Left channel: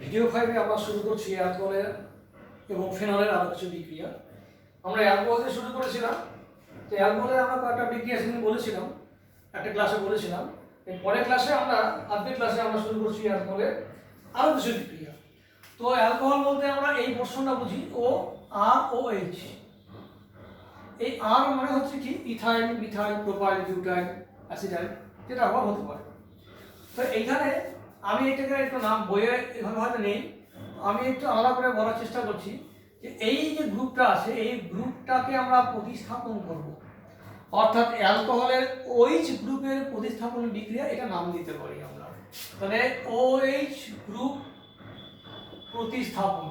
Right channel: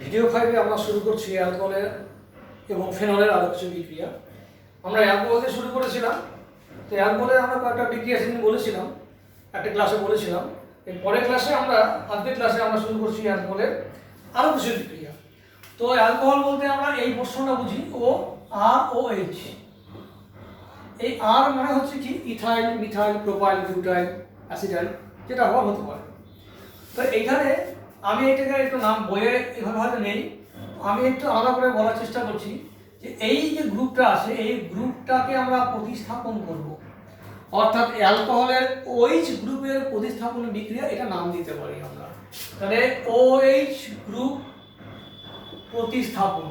Video 5-এ আমরা শুরু করছি অ্যালকোহলের এবং ফেনলের আরও কিছু বিক্রিয়া। আমরা অ্যালকোহল দিয়ে শুরু করেছিলাম। তো অ্যালকোহলের আমরা কয়েকটা বিক্রিয়া সেদিন বলেছিলাম, একটা ক্লাসে বলেছিলাম। এর পরের ক্লাসে আজকের ক্লাসে আমরা শুরু করছি অ্যালকোহলের আরও কিছু বিক্রিয়া। তো অ্যালকোহল বলতে আমরা এই পোর্শনটা বুঝি ও আর ও এইচ। এই আর মানে হচ্ছে কি ethyl, methyl, propyl, butyl, acetyl, যেটা হওয়ার হতে পারে। তো এইখানে আমি এটাকে একটু নাম বইয়ে এভাবে হয়তো নেই, আমি একটু আলাদা করে বলার চেষ্টা করছি যে এই যে গ্রুপটা আছে এই গ্রুপটাকে আমরা প্রতিস্থাপন করব, অর্থাৎ অ্যালকোহলের ওএইচ গ্রুপের প্রতিস্থাপন বিক্রিয়া এটা নাম দিতে পারি আমরা। তাহলে ওএইচ গ্রুপ প্রতিস্থাপন,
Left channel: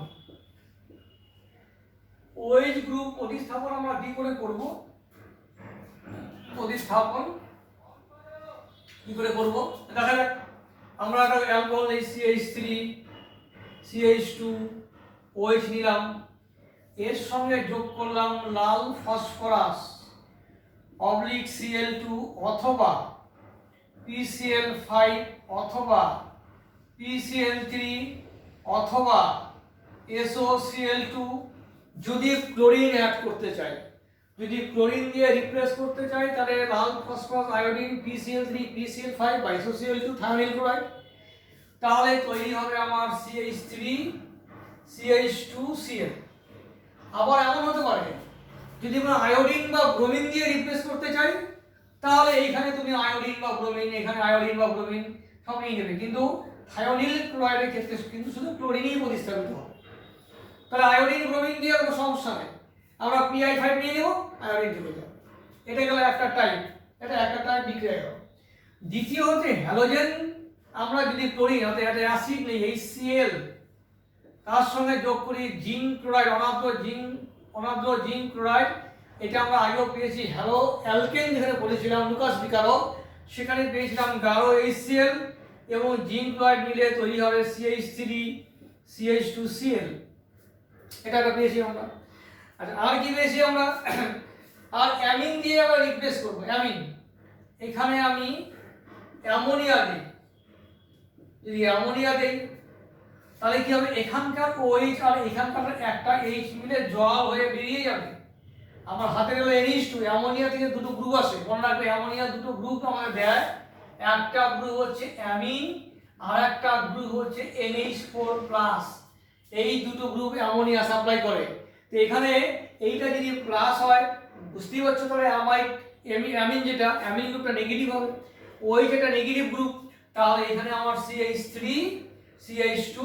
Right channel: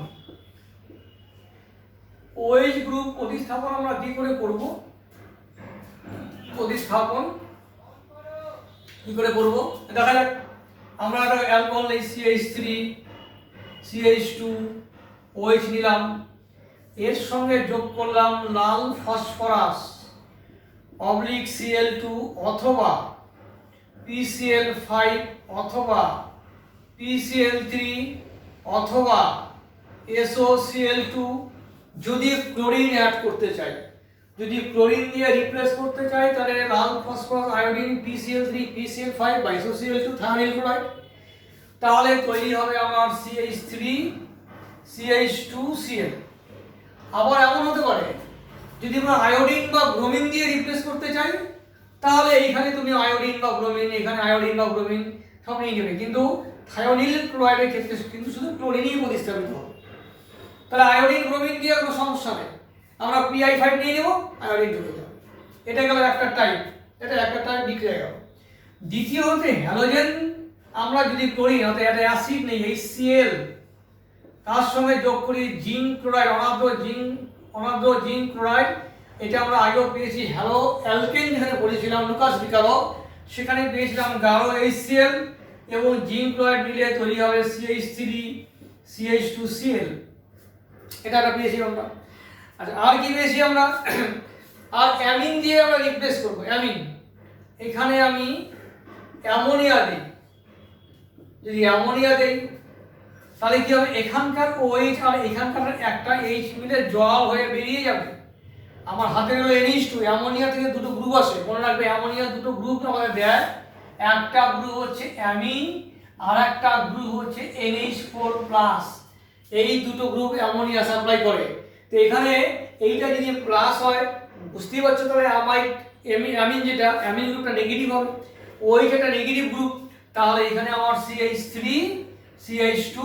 ওএইচ গ্রুপ প্রতিস্থাপন আমরা কি করে করব? প্রতিস্থাপন কি করে করব দেখা যাক। আমরা একটা অ্যালকোহল এই CH3 CH2 OH নিলাম, এর সঙ্গে যোগ করলাম লাল ফসফরাস অবলিক Cl2 অথবা PCl5 অথবা PCl3 অথবা SOCl2। যদি ক্লোরিন অ্যাড করতে চাই, যদি ক্লোরিন দিয়ে রিপ্লেস করতে চাই তাহলে লাল ফসফরাস আয়োডিন PCl3 PCl5 বা SOCl2 থায়ানিল ক্লোরাইড। তাহলে তৈরি হবে আমার CH3 CH2 Cl। আবার এমন হতে পারে যদি আমরা আয়োডিন বা ব্রোমিন দিয়ে রিপ্লেস করতে চাই তাহলে এইখানে তুমি আয়োডিন বা ব্রোমিন, এখানে আয়োডিন বা ব্রোমিন সব নিয়ে নেবে, কিন্তু থায়োনিল ক্লোরাইডের ক্ষেত্রে কিন্তু শুধু ক্লোরিনই প্রতিস্থাপিত হবে। তাহলে আয়োডিন ব্রোমিন দিয়ে কোনো সমস্যা নেই, আমরা PI5 নিয়ে নেব, আয়োডিন চলে যাবে। এটা গেল একটা টাইপ, এটা একটা টাইপ বিক্রিয়া গেল। দ্বিতীয় হচ্ছে হ্যালোজেন, আমরা যদি ক্লোরিন অর্থাৎ একটা অ্যাসিড নেই HCl, তার সঙ্গে যোগ করি জিঙ্ক ক্লোরাইড, অনাদ্র জিঙ্ক ক্লোরাইড। এটা আমরা আগেও পেয়েছি হ্যালো অ্যালকেন, যেখানে পড়েছিলাম লুকাস বিকারক, সেখানে পেয়েছিলাম গাঢ় HCl এবং জিঙ্ক ক্লোরাইড মিলে তৈরি হবে CH3 CH2 Cl। এটা একটা পেয়েছি আমরা। আচ্ছা, আর কি পেয়েছি আমরা? আর অ্যামিন দিয়ে আমরা রিপ্লেস করব। অ্যামিন, এখানে আমি অ্যামোনিয়া দিই, যদি অ্যামোনিয়া দেই তাহলে কি হবে? এখানকার OH আর এখানকার একটা H মিলে জল হয়ে বেরিয়ে যাবে। আমার হাতে গেলে NH2, অ্যামোনিয়া থেকে দুটো গ্রুপ আসে, মনে রাখবে অ্যামোনিয়া দুটো গ্রুপ আমাদের দেয়, একটা গ্রুপ হচ্ছে অ্যামিন আর একটা গ্রুপ হচ্ছে NH4+। এই দুটো গ্রুপ অ্যামোনিয়া সাপ্লাই করে। তো এখানে এইটা যদি প্লাস হয় বুঝতেই পারছো, তবে অ্যামিন যেটা অ্যামিন গ্রুপটা নেগেটিভ হবে, ওই যেটা নেগেটিভ গ্রুপ, তাহলে এখানে আমার CH3 CH2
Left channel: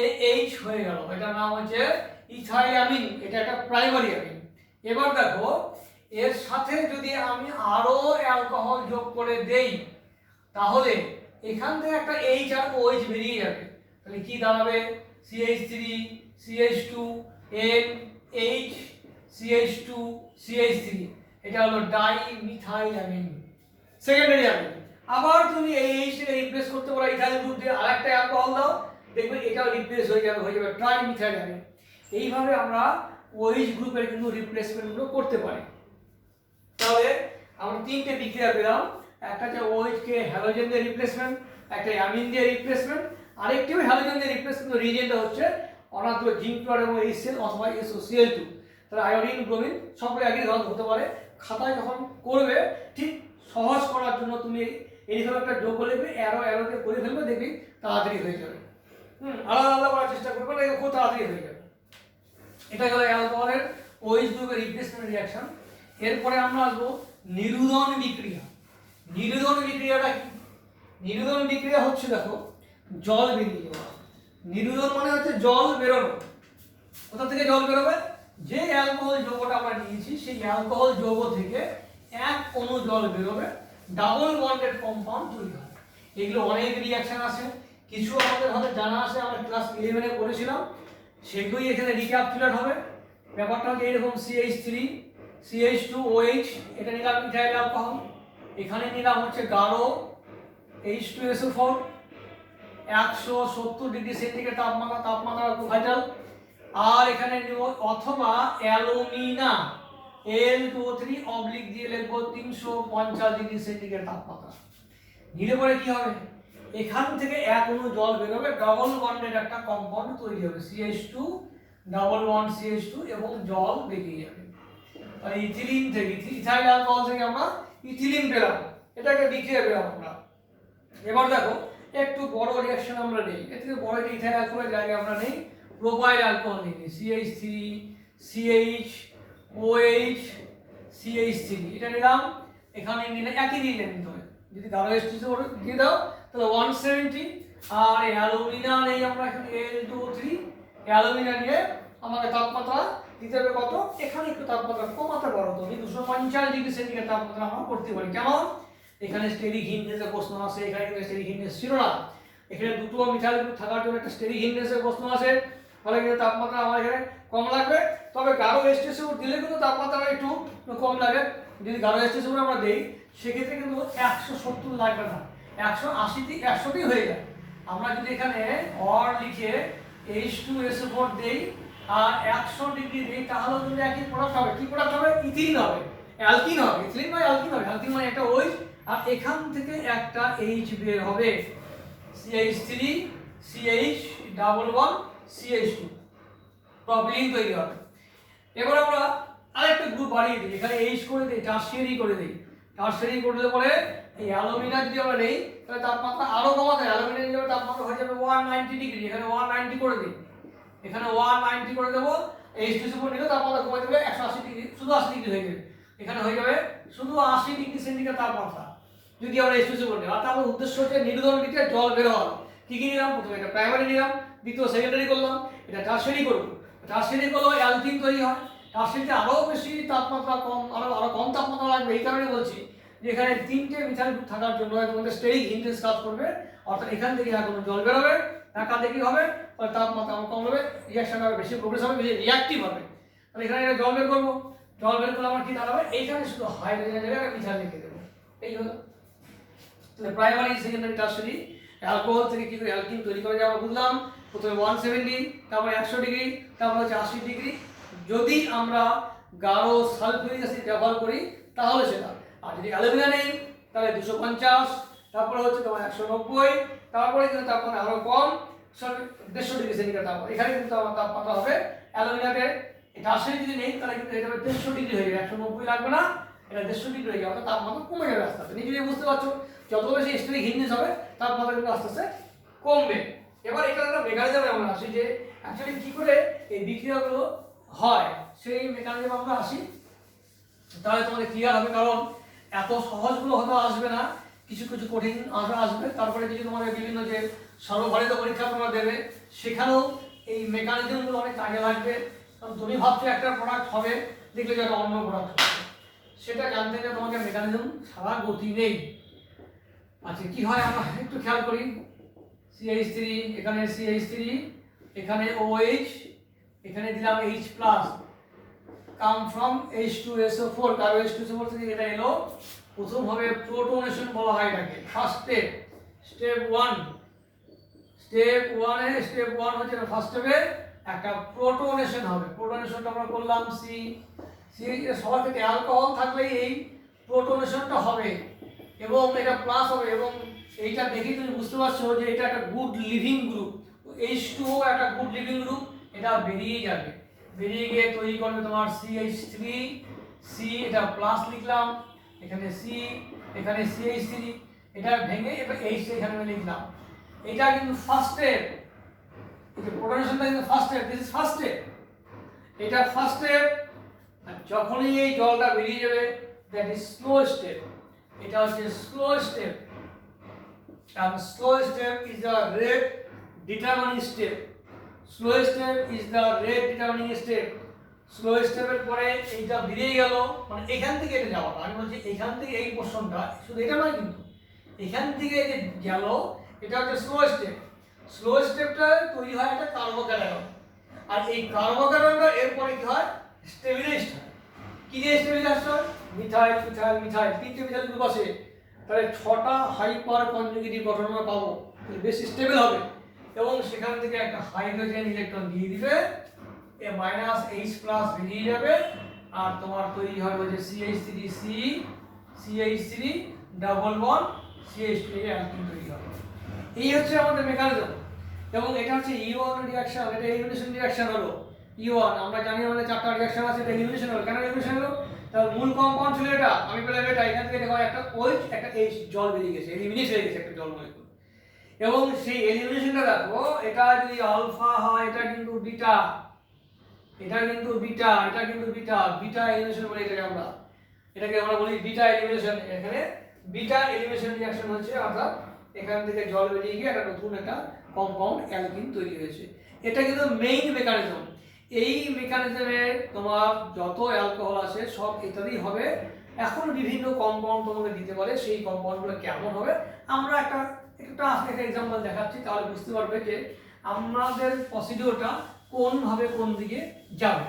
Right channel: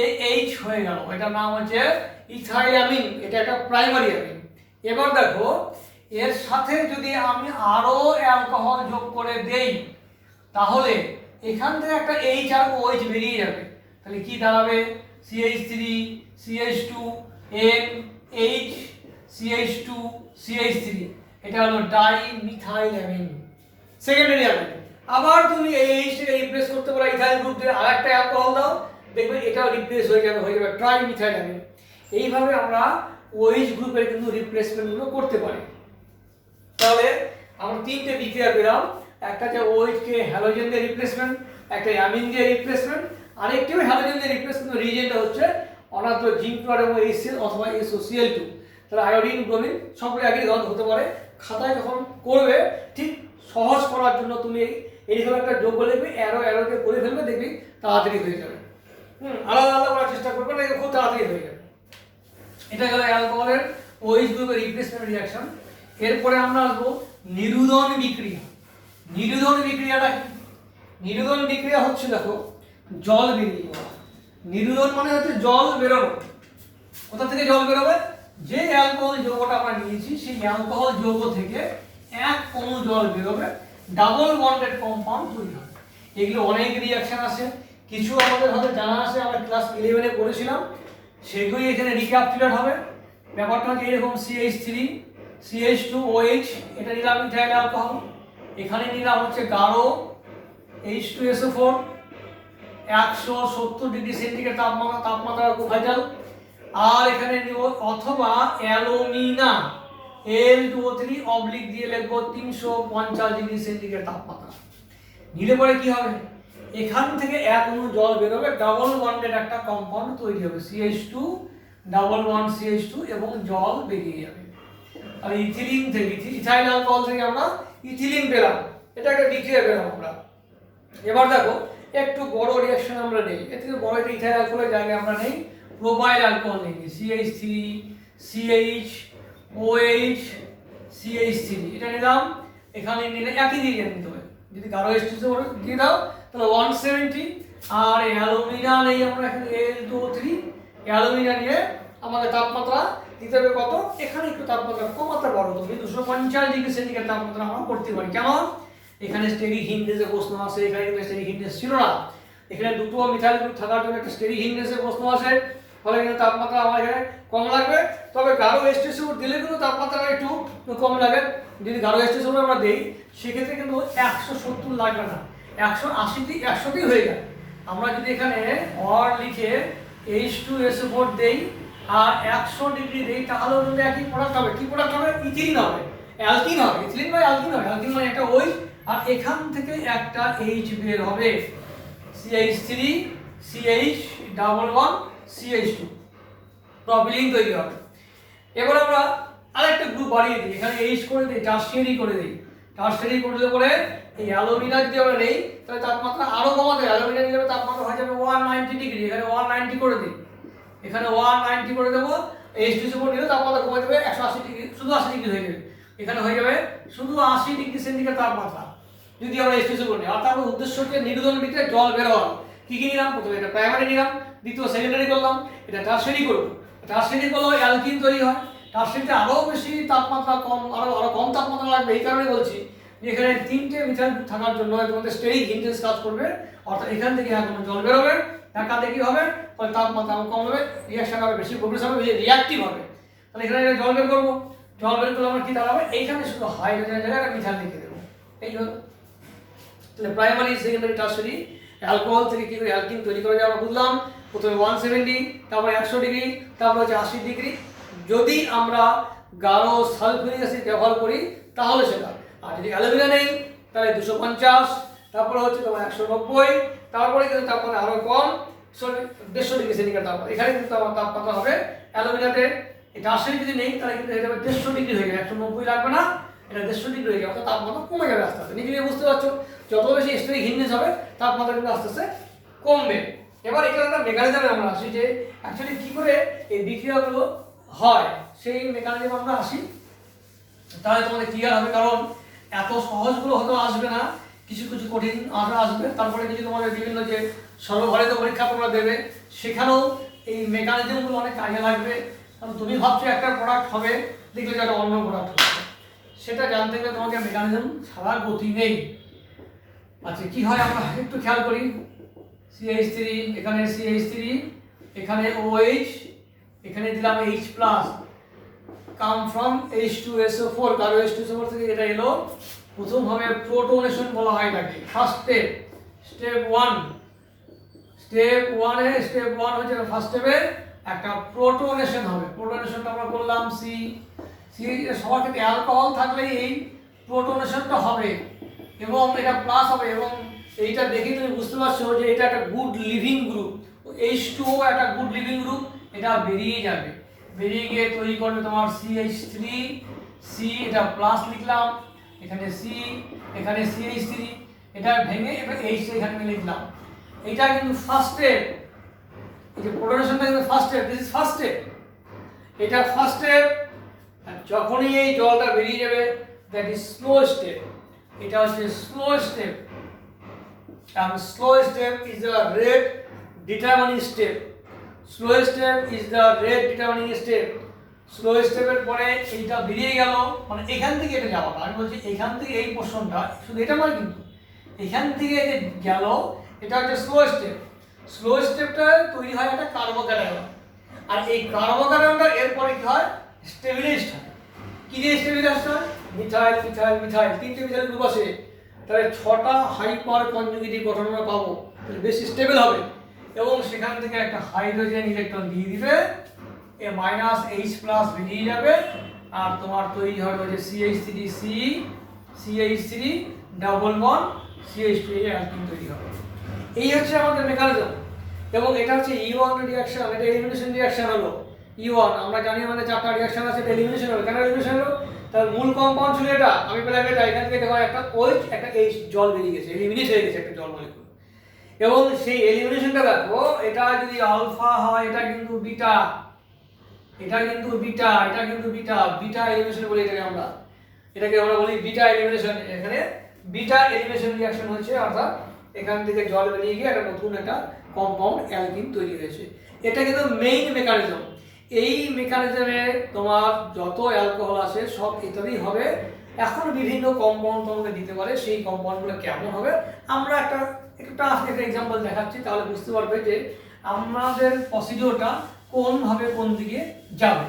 NH হয়ে গেল। এটার নাম হচ্ছে ইথাইল অ্যামিন, এটা একটা প্রাইমারি অ্যামিন। এবার দেখো এর সাথে যদি আমি আরো অ্যালকোহল যোগ করে দেই তাহলে এখান থেকে একটা H আর OH বেরিয়ে যাবে। তাহলে কি দাঁড়াবে? CH3 CH2 NH CH2 CH3, এটা হলো ডাইমিথাইল অ্যামিন, সেকেন্ডারি অ্যামিন। আবার তুমি এই H কে রিপ্লেস করতে পারো ইথাইল গ্রুপ দিয়ে, আরেকটা অ্যালকোহল দাও, দেখবে এটাও রিপ্লেস হয়ে যাবে ট্রাইমিথাইল অ্যামিন। এইভাবে আমরা OH গ্রুপের কিন্তু রিপ্লেসমেন্টগুলো করতে পারি। তাহলে আমরা তিনটে বিক্রিয়া পেলাম, একটা যে OH কে হ্যালোজেন দিয়ে রিপ্লেসমেন্ট, একটা অ্যামিন দিয়ে রিপ্লেসমেন্ট, আরেকটিও হ্যালোজেন দিয়ে রিপ্লেসমেন্ট। রিজেনটা হচ্ছে অনাদ্র জিঙ্ক ক্লোরাইড এবং HCl অথবা SOCl2। তাহলে আয়োডিন ব্রোমিন সবগুলো একই ধরনের হতে পারে। খাতায় যখন করবে ঠিক সহজ করার জন্য তুমি এইরকম একটা যোগ লিখবে, অ্যারোতে করে ফেলবে, দেখবি তাড়াতাড়ি হয়ে যাবে। আলাদা আলাদা করার চেষ্টা করবে না, খুব তাড়াতাড়ি হয়ে যাবে। এটা গেল অ্যালকোহলের OH গ্রুপের রিপ্লেসমেন্ট রিঅ্যাকশন। এরপরে আমরা আসবো নিরুদন বিক্রিয়া। নিরুদন বিক্রিয়াটা কি? নিরুদন বিক্রিয়া হচ্ছে দেখো জল বেরিয়ে যাওয়া। নিরুদন মানে হচ্ছে জল বেরোনো। কোথা থেকে জল বেরোবে? যে অ্যালকোহল যৌগটা আমরা নিয়েছি সেই অ্যালকোহল যৌগ থেকে এক অণু জল বেরোবে, ডাবল বন্ডেড কম্পাউন্ড তৈরি হবে। এগুলো অনেক রিঅ্যাকশন আছে, কিছু আমাদের হয়তো জানা আছে, আমরা ক্লাস 11-এ পড়েছিলাম, সেগুলি এখানে রিক্যাপচুলেট হবে। ব্যাপারটা হচ্ছে এরকম CH3 CH2 OH, এটা নিলাম ইথাইল অ্যালকোহল, এখানে নিলাম হচ্ছে গাঢ় H2SO4, 170 ডিগ্রি সেন্টিগ্রেড তাপমাত্রা ভাইটাল। আর এখানে নিব অথবা অ্যালুমিনা L2O3 অবলিক দিয়ে লিখবো 350 ডিগ্রি সেন্টিগ্রেড তাপমাত্রা। নিলে পরে কি হবে? এখান থেকে এক অণু জল বেরোবে, ডাবল বন্ডের একটা কম্পাউন্ড তৈরি হবে, CH2 ডাবল বন্ড CH2 এবং জল বেরিয়ে যাবে। আর ইথিলিন থেকে ইথাইল অ্যালকোহল থেকে আমরা ইথিলিন পেলাম, এটা একটা বিক্রিয়া পেলাম আমরা। এবার দেখো একটু বড় রিঅ্যাকশন আমরা নেই, এর থেকে বড় একটা ইথাইল অ্যালকোহলের জায়গায় আমরা নেই প্রোপাইল অ্যালকোহল নিই, CH3 CH OH CH3 এটা নিলাম। এখানে নিলে একই রিজেন্ট নিতে হবে, যদি গাঢ় H2 দিয়ে দাও তাহলে 170, আর অ্যালুমিনা নেই আমরা এখানে Al2O3, অ্যালুমিনা নিয়ে আমাদের তাপমাত্রা দিতে হবে কত, এখানে একটু তাপমাত্রা কমাতে পারো তুমি, 250 ডিগ্রি সেন্টিগ্রেড তাপমাত্রা আমরা করতে পারি। কেমন? এখানে স্টেরিক হিন্ডেজের প্রশ্ন আছে, এখানে কিন্তু স্টেরিক হিন্ডেজ ছিল না, এখানে দুটো মিথাইল গ্রুপ থাকার জন্য একটা স্টেরিক হিন্ডেজের প্রশ্ন আছে, ফলে কিন্তু তাপমাত্রা আমার এখানে কম লাগবে। তবে গাঢ় H2SO দিলে কিন্তু তাপমাত্রা একটু কম লাগে, যদি গাঢ় H2SO আমরা দিই সেক্ষেত্রে কিন্তু 170 লাগবে না, 180 হয়ে যায়। আমরা যদি এখানে অর লিখে H2SO4 দেই আর 100 ডিগ্রি দেই তাহলেও কিন্তু একই প্রোডাক্ট হবে। কি প্রোডাক্ট হবে? ইথিলিন হবে, অ্যালকিন হবে, ইথিলিন বা অ্যালকিন হবে। অ্যালকিন মানে একটা OH, আর এখান থেকে একটা H বের হবে, CH3 CH double bond CH2 propylene তৈরি হবে। এবার আমরা আরেকটা গ্রুপ বাড়িয়ে দিই, এখানে H করে দিই, টারশিয়ারি করে দিই। টারশিয়ারি করলে পরে এই অ্যালুমিনা যদি আমরা নেই তাহলে তাপমাত্রা আরো কমাতে, অ্যালুমিনা নিলে তাপমাত্রা হয়ে যাবে 190 ডিগ্রি, এখানে 190 করে দিই, এখানে 190 করে দেবো। H2SO4 নিলে তাপমাত্রা কমে যাবে 180 ডিগ্রি, শুধু 80 ডিগ্রি হয়ে যাবে, এখানে হয়ে যাবে শুধু 80 ডিগ্রি সেন্টিগ্রেড তাপমাত্রা যদি আমরা H2SO4 নিই। আর তার উদ্দেশ্য হচ্ছে নির্গমন বিক্রিয়ায় জল বের হওয়া। কি কি নিলাম? প্রথমে এটা প্রাইমারি নিলাম, দ্বিতীয় সেকেন্ডারি করলাম, এটা টারশিয়ারি করব। টারশিয়ারি করলে অ্যালকিন তৈরি হয়, টারশিয়ারিতে আরো বেশি তাপমাত্রা কম, আরো কম তাপমাত্রা লাগবে। এই কারণে বলছি যে এখানে তিনটে মিথাইল গ্রুপ থাকার জন্য তোমাদের স্টেরিক হিন্ডেজ কাজ করবে, অর্থাৎ এখান থেকে এখন জল বের হবে, ঢাকাতে কি হবে, ফলে তাপমাত্রা আরো কম হবে, রিঅ্যাকশন হবে বেশি, প্রোগ্রেস হবে বেশি, রিঅ্যাক্টিভ হবে। তাহলে এখানে জল বের করবো, জল বের করলে আমার কি দাঁড়াবে, এইখানে শুধু হাইড্রোজেনের জায়গায় একটা মিথাইল লিখে দেবো, এই হলো। তাহলে প্রাইমারি সেকেন্ডারি টারশিয়ারি অ্যালকোহল থেকে কি করে অ্যালকিন তৈরি করা যায় আমরা বুঝলাম। প্রথমে 170, তারপরে 100 ডিগ্রি, তারপরে হচ্ছে 80 ডিগ্রি। যদি আমরা গাঢ় সালফিউরিক অ্যাসিড ব্যবহার করি তাহলে সেটা, আর যদি অ্যালুমিনা নেই তাহলে 250, তারপরে হচ্ছে তোমার 190, তারপরে কিন্তু তাপমাত্রা আরো কম, 150 ডিগ্রি সেন্টিগ্রেড তাপমাত্রা। এখানে কিন্তু আমার তাপমাত্রা হবে অ্যালুমিনাতে, টারশিয়ারি যদি নেই তাহলে কিন্তু এটা 150 ডিগ্রি হয়ে যাবে, 190 লাগবে না, এটা 150 ডিগ্রি হয়ে যাবে, অর্থাৎ তাপমাত্রা কমে যাবে আস্তে আস্তে। নিজে বুঝতে পারছো যত বেশি স্টেরিক হিন্ডেজ হবে তাপমাত্রা কিন্তু আস্তে আস্তে কমবে। এবার এখানে একটা মেকানিজমে আমরা আসি যে অ্যাকচুয়ালি কি করে এই বিক্রিয়াগুলো হয়, সেই মেকানিজম আমরা আসি, তাহলে তোমাদের ক্লিয়ার হবে। কারণ এত সহজগুলো হয়তো আসবে না, কিছু কিছু কঠিন আসবে। তারপরে যদি তোমাদের বিভিন্ন যে সর্বভারতীয় পরীক্ষা তোমরা দেবে সেখানেও এই মেকানিজমগুলো অনেক কাজে লাগবে। কারণ তুমি ভাবছো একটা প্রোডাক্ট হবে, দেখলে যে একটা অন্য প্রোডাক্ট হবে, সেটা জানতে গেলে তোমাকে মেকানিজম ছাড়া গতি নেই। আচ্ছা কি হয় আমরা একটু খেয়াল করি, CH3, এখানে CH3, এখানে OH, এখানে দিলাম H+, কাম ফ্রম H2SO4, গাঢ় H2SO4 থেকে এটা এলো। প্রথম হবে প্রোটোনেশন বলা হয় এটাকে, ফার্স্ট স্টেপ, স্টেপ 1 হচ্ছে ফার্স্ট স্টেপে একটা প্রোটোনেশন হবে। প্রোটোনেশনটা আমরা করলাম সি সবার ক্ষেত্রে অ্যালকোহল থাকলে এই প্রোটোনেশনটা হবে এবং এটা প্লাস হবে, এবং এইটা দেখে তুমি বুঝতে পারছো যে এটা একটা গুড লিভিং গ্রুপ, H2O একটা গুড লিভিং গ্রুপ, এটা বেরিয়ে যাবে, বেরিয়ে গিয়ে তৈরি করবে তোমার CH3, C এটা প্লাস লিখলাম, এখানে C, এখানে CH3, এটা ভেঙে এবার H এখানে লিখলাম। এটা কিন্তু ফার্স্ট স্টেপ, এই যে প্রোটোনেশনটা কিন্তু first step, this is first step, এটা ফার্স্ট স্টেপ। যখনই এই জলটা বেরিয়ে যাবে দ্যাট ইজ স্লো স্টেপ, এটা হচ্ছে slow step, and slow step is the rate determining step, slow step is the rate determining step। Slow স্টেপের পরে এইটা বেরিয়ে গেল, মানে এখান থেকে এটা যাওয়া, আমি বলছি এখান থেকে এই পোর্শনটা, শুধু এটা নয় কিন্তু এখান থেকে যে গেল এটা হচ্ছে স্লো স্টেপ। স্লো স্টেপটা তৈরি হয় একটা কার্বোক্যাটায়ন, আর এই কার্বোক্যাটায়নটা এরপরে কি হয়, স্টেবিলাইজড হয়। কি দিয়ে স্টেবিলাইজড হয়? মিথাইল মিথাইল মিথাইল, তিনটে মিথাইল গ্রুপ আছে, তাহলে 6টা হাইপার কনজুগেটিভ গঠন আমরা পাবো, বেশি স্টেবল হবে, এবং সেখান থেকে একটা হাইড্রোজেন ইলেকট্রন দিয়ে দিবে, এ -H+ বেরিয়ে যাবে, আর তোমার তৈরি হবে যে CH3 ডাবল বন্ড CH2 এই অ্যালকিন তৈরি হবে। এই হচ্ছে আমাদের মেকানিজম। এবং এটা হচ্ছে E1 রিঅ্যাকশন, এটা এলিমিনেশন রিঅ্যাকশন হলো E1। আমরা জানি আমাদের 4টা রিঅ্যাকশন আছে, এটা এলিমিনেশন হলো। কেন এলিমিনেশন হলো? তার মূল কম্পাউন্ড ছিল এটা, আমি পেলাম এটা, এখান থেকে দেখো একটা OH একটা H জল বেরিয়ে গেছে, এলিমিনেট হয়ে গেছে একটা জল মলিকুল। এবং সেই এলিমিনেশনটা দেখো, এটা যদি আলফা হয় এটা কিন্তু বিটা, এটা কিন্তু বিটা, এটা কিন্তু বিটা, বিটা এলিমিনেশন বলি এটাকে আমরা বলি বিটা এলিমিনেশন। এখানে বিটা এলিমিনেশন রিঅ্যাকশন হচ্ছে, অর্থাৎ এখান থেকে জল বেরিয়ে গিয়ে একটা নতুন একটা কম্পাউন্ড অ্যালকিন তৈরি হয়েছে। এটা কিন্তু মেইন মেকানিজম। এই মেকানিজমে তোমার যত অ্যালকোহল আছে সব ইত্যাদি হবে। এখন বিভিন্ন কম্পাউন্ড তোমাকে দিতে পারে, সেই কম্পাউন্ডগুলো কেমন হবে আমরা একটা এক্সাম্পল দেখাচ্ছি, তাহলে বুঝতে পারবে যে আমাদের প্রসিডিওরটা কোনভাবে কোন দিকে যাবে।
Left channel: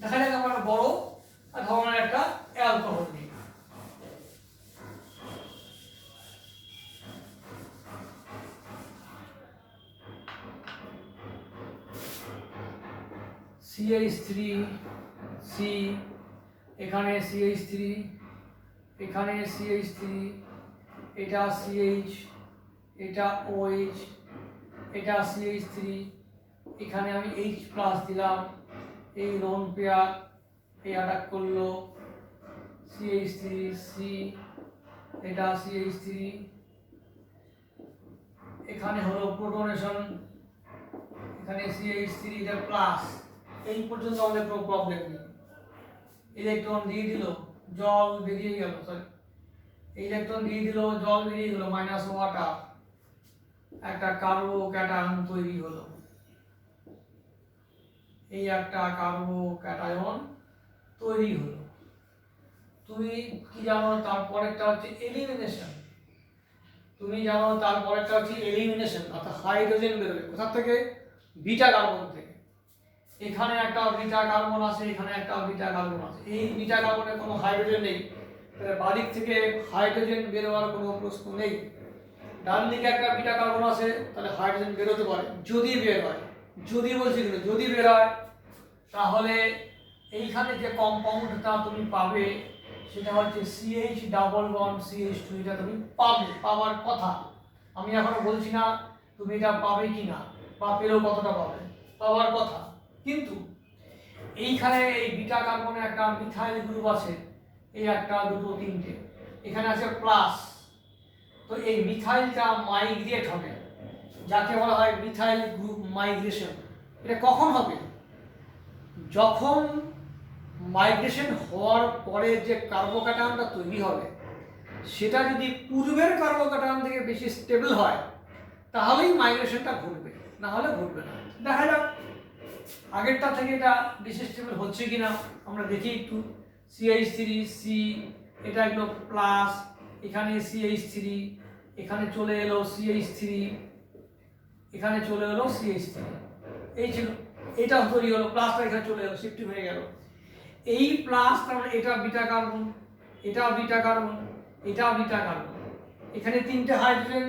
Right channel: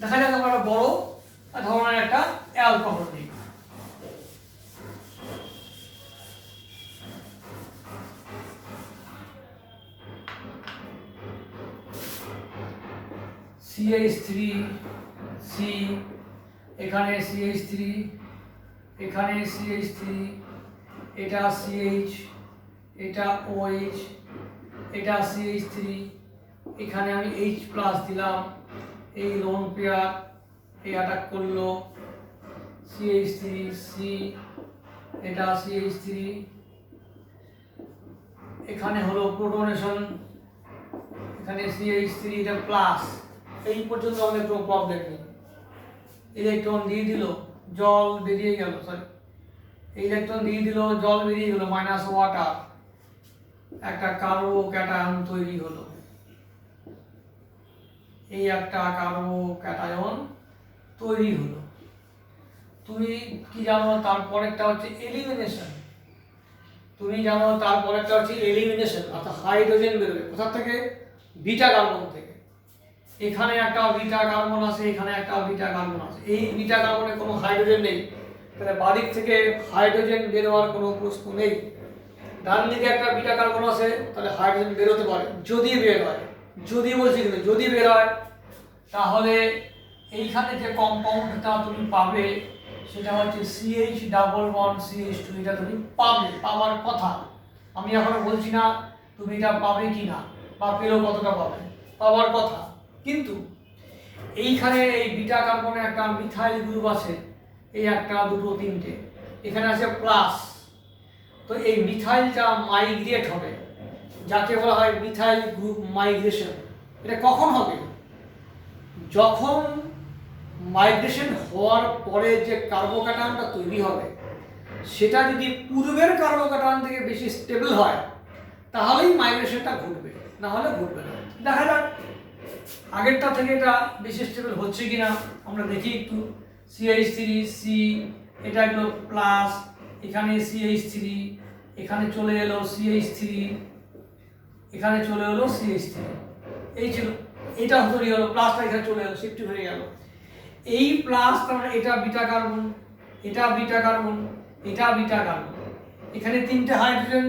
দেখা যাক আমরা বড় ধরনের একটা অ্যালকোহল নিই। CH3C, এখানে CH3, এখানে CH3, এটা CH, এটা OH, এটা CH3, এখানে আমি H+ দিলাম, এই লোন পেয়ার এই অ্যাটাক করলো, CH3C, এটা CH3, এখানে হলো প্রোটনেশন, এখানে CH3 এটা প্লাস। এই পর্যন্ত আমাদের কোনো প্রবলেম নেই। ইলেকট্রন দিয়ে দিল, জল বেরিয়ে গেল, সরি ইলেকট্রন দিয়ে দিল, জল বেরিয়ে গেল, মাইনাস ওয়াটার, একটা কার্বোক্যাটায়ন তৈরি হলো, এই একটা কার্বোক্যাটায়ন তৈরি হলো। তুমি কি জানো তারপরেরটা হচ্ছে এলিমিনেশন। তুমি জানো তারপরেরটা হচ্ছে এলিমিনেশন, অর্থাৎ হাইড্রোজেন বেরোবে কোথা থেকে? বিটা কার্বন থেকে। এখানে একটা বিটা কার্বন আছে, এখানে একটা বিটা কার্বন আছে, এই বিটা কার্বনে কোনো হাইড্রোজেন নেই, তাহলে বাদিক থেকে হাইড্রোজেন বেরোয়ার কোনো প্রশ্ন নেই। ডান দিকে একটা বিটা কার্বন আছে, তাহলে হাইড্রোজেন বেরোতে পারে যদি বের হয়, যদি বলছি কিন্তু যদি বের হয়, তাহলে এইখানে যে কম্পাউন্ডটা তুমি পাবে সেটা হচ্ছে CH ডাবল বন্ড CH2, এটা তুমি পাওয়ার কথা। আমি এখনো বলছি না তুমি এটা পাবে কি না, বা পেলেও কতটা পাবে, পাওয়ার কথা। কিন্তু এইখানে এই বিটা কার্বনে একটা মিথাইল গ্রুপ আছে, এই একটা দুটো তিনটে, এখানে আছে প্লাস। তো এই মিথাইলটা মাইগ্রেট হবে, যাকে বলা হয় মিথাইল গ্রুপ মাইগ্রেশন। এটা কখন হবে? যখন মাইগ্রেশন হওয়ার পরে যে কার্বোক্যাটায়নটা তৈরি হবে সেটা যদি পূর্বের কার্বোক্যাটায়ন থেকে বেশি স্টেবল হয় তাহলেই মাইগ্রেশনটা ঘটবে, না হলে ঘটবে না। দেখা যাক আগেরটা থেকে এটা বেশি স্টেবল হচ্ছে কিনা আমরা দেখি একটু। CH3C, এটা হলো প্লাস, এখানে CH3, এখানে চলে এলো CH3, এখানে চলে এলো CH3, এই ছিল, এটা তৈরি হলো, প্লাসটা এখানে চলে এলো, শিফট হয়ে গেল। এই প্লাস তার মানে এটা বিটা কার্বন, এটা বিটা কার্বন, এটা বিটা কার্বন, এখানে তিনটে হাইড্রোজেন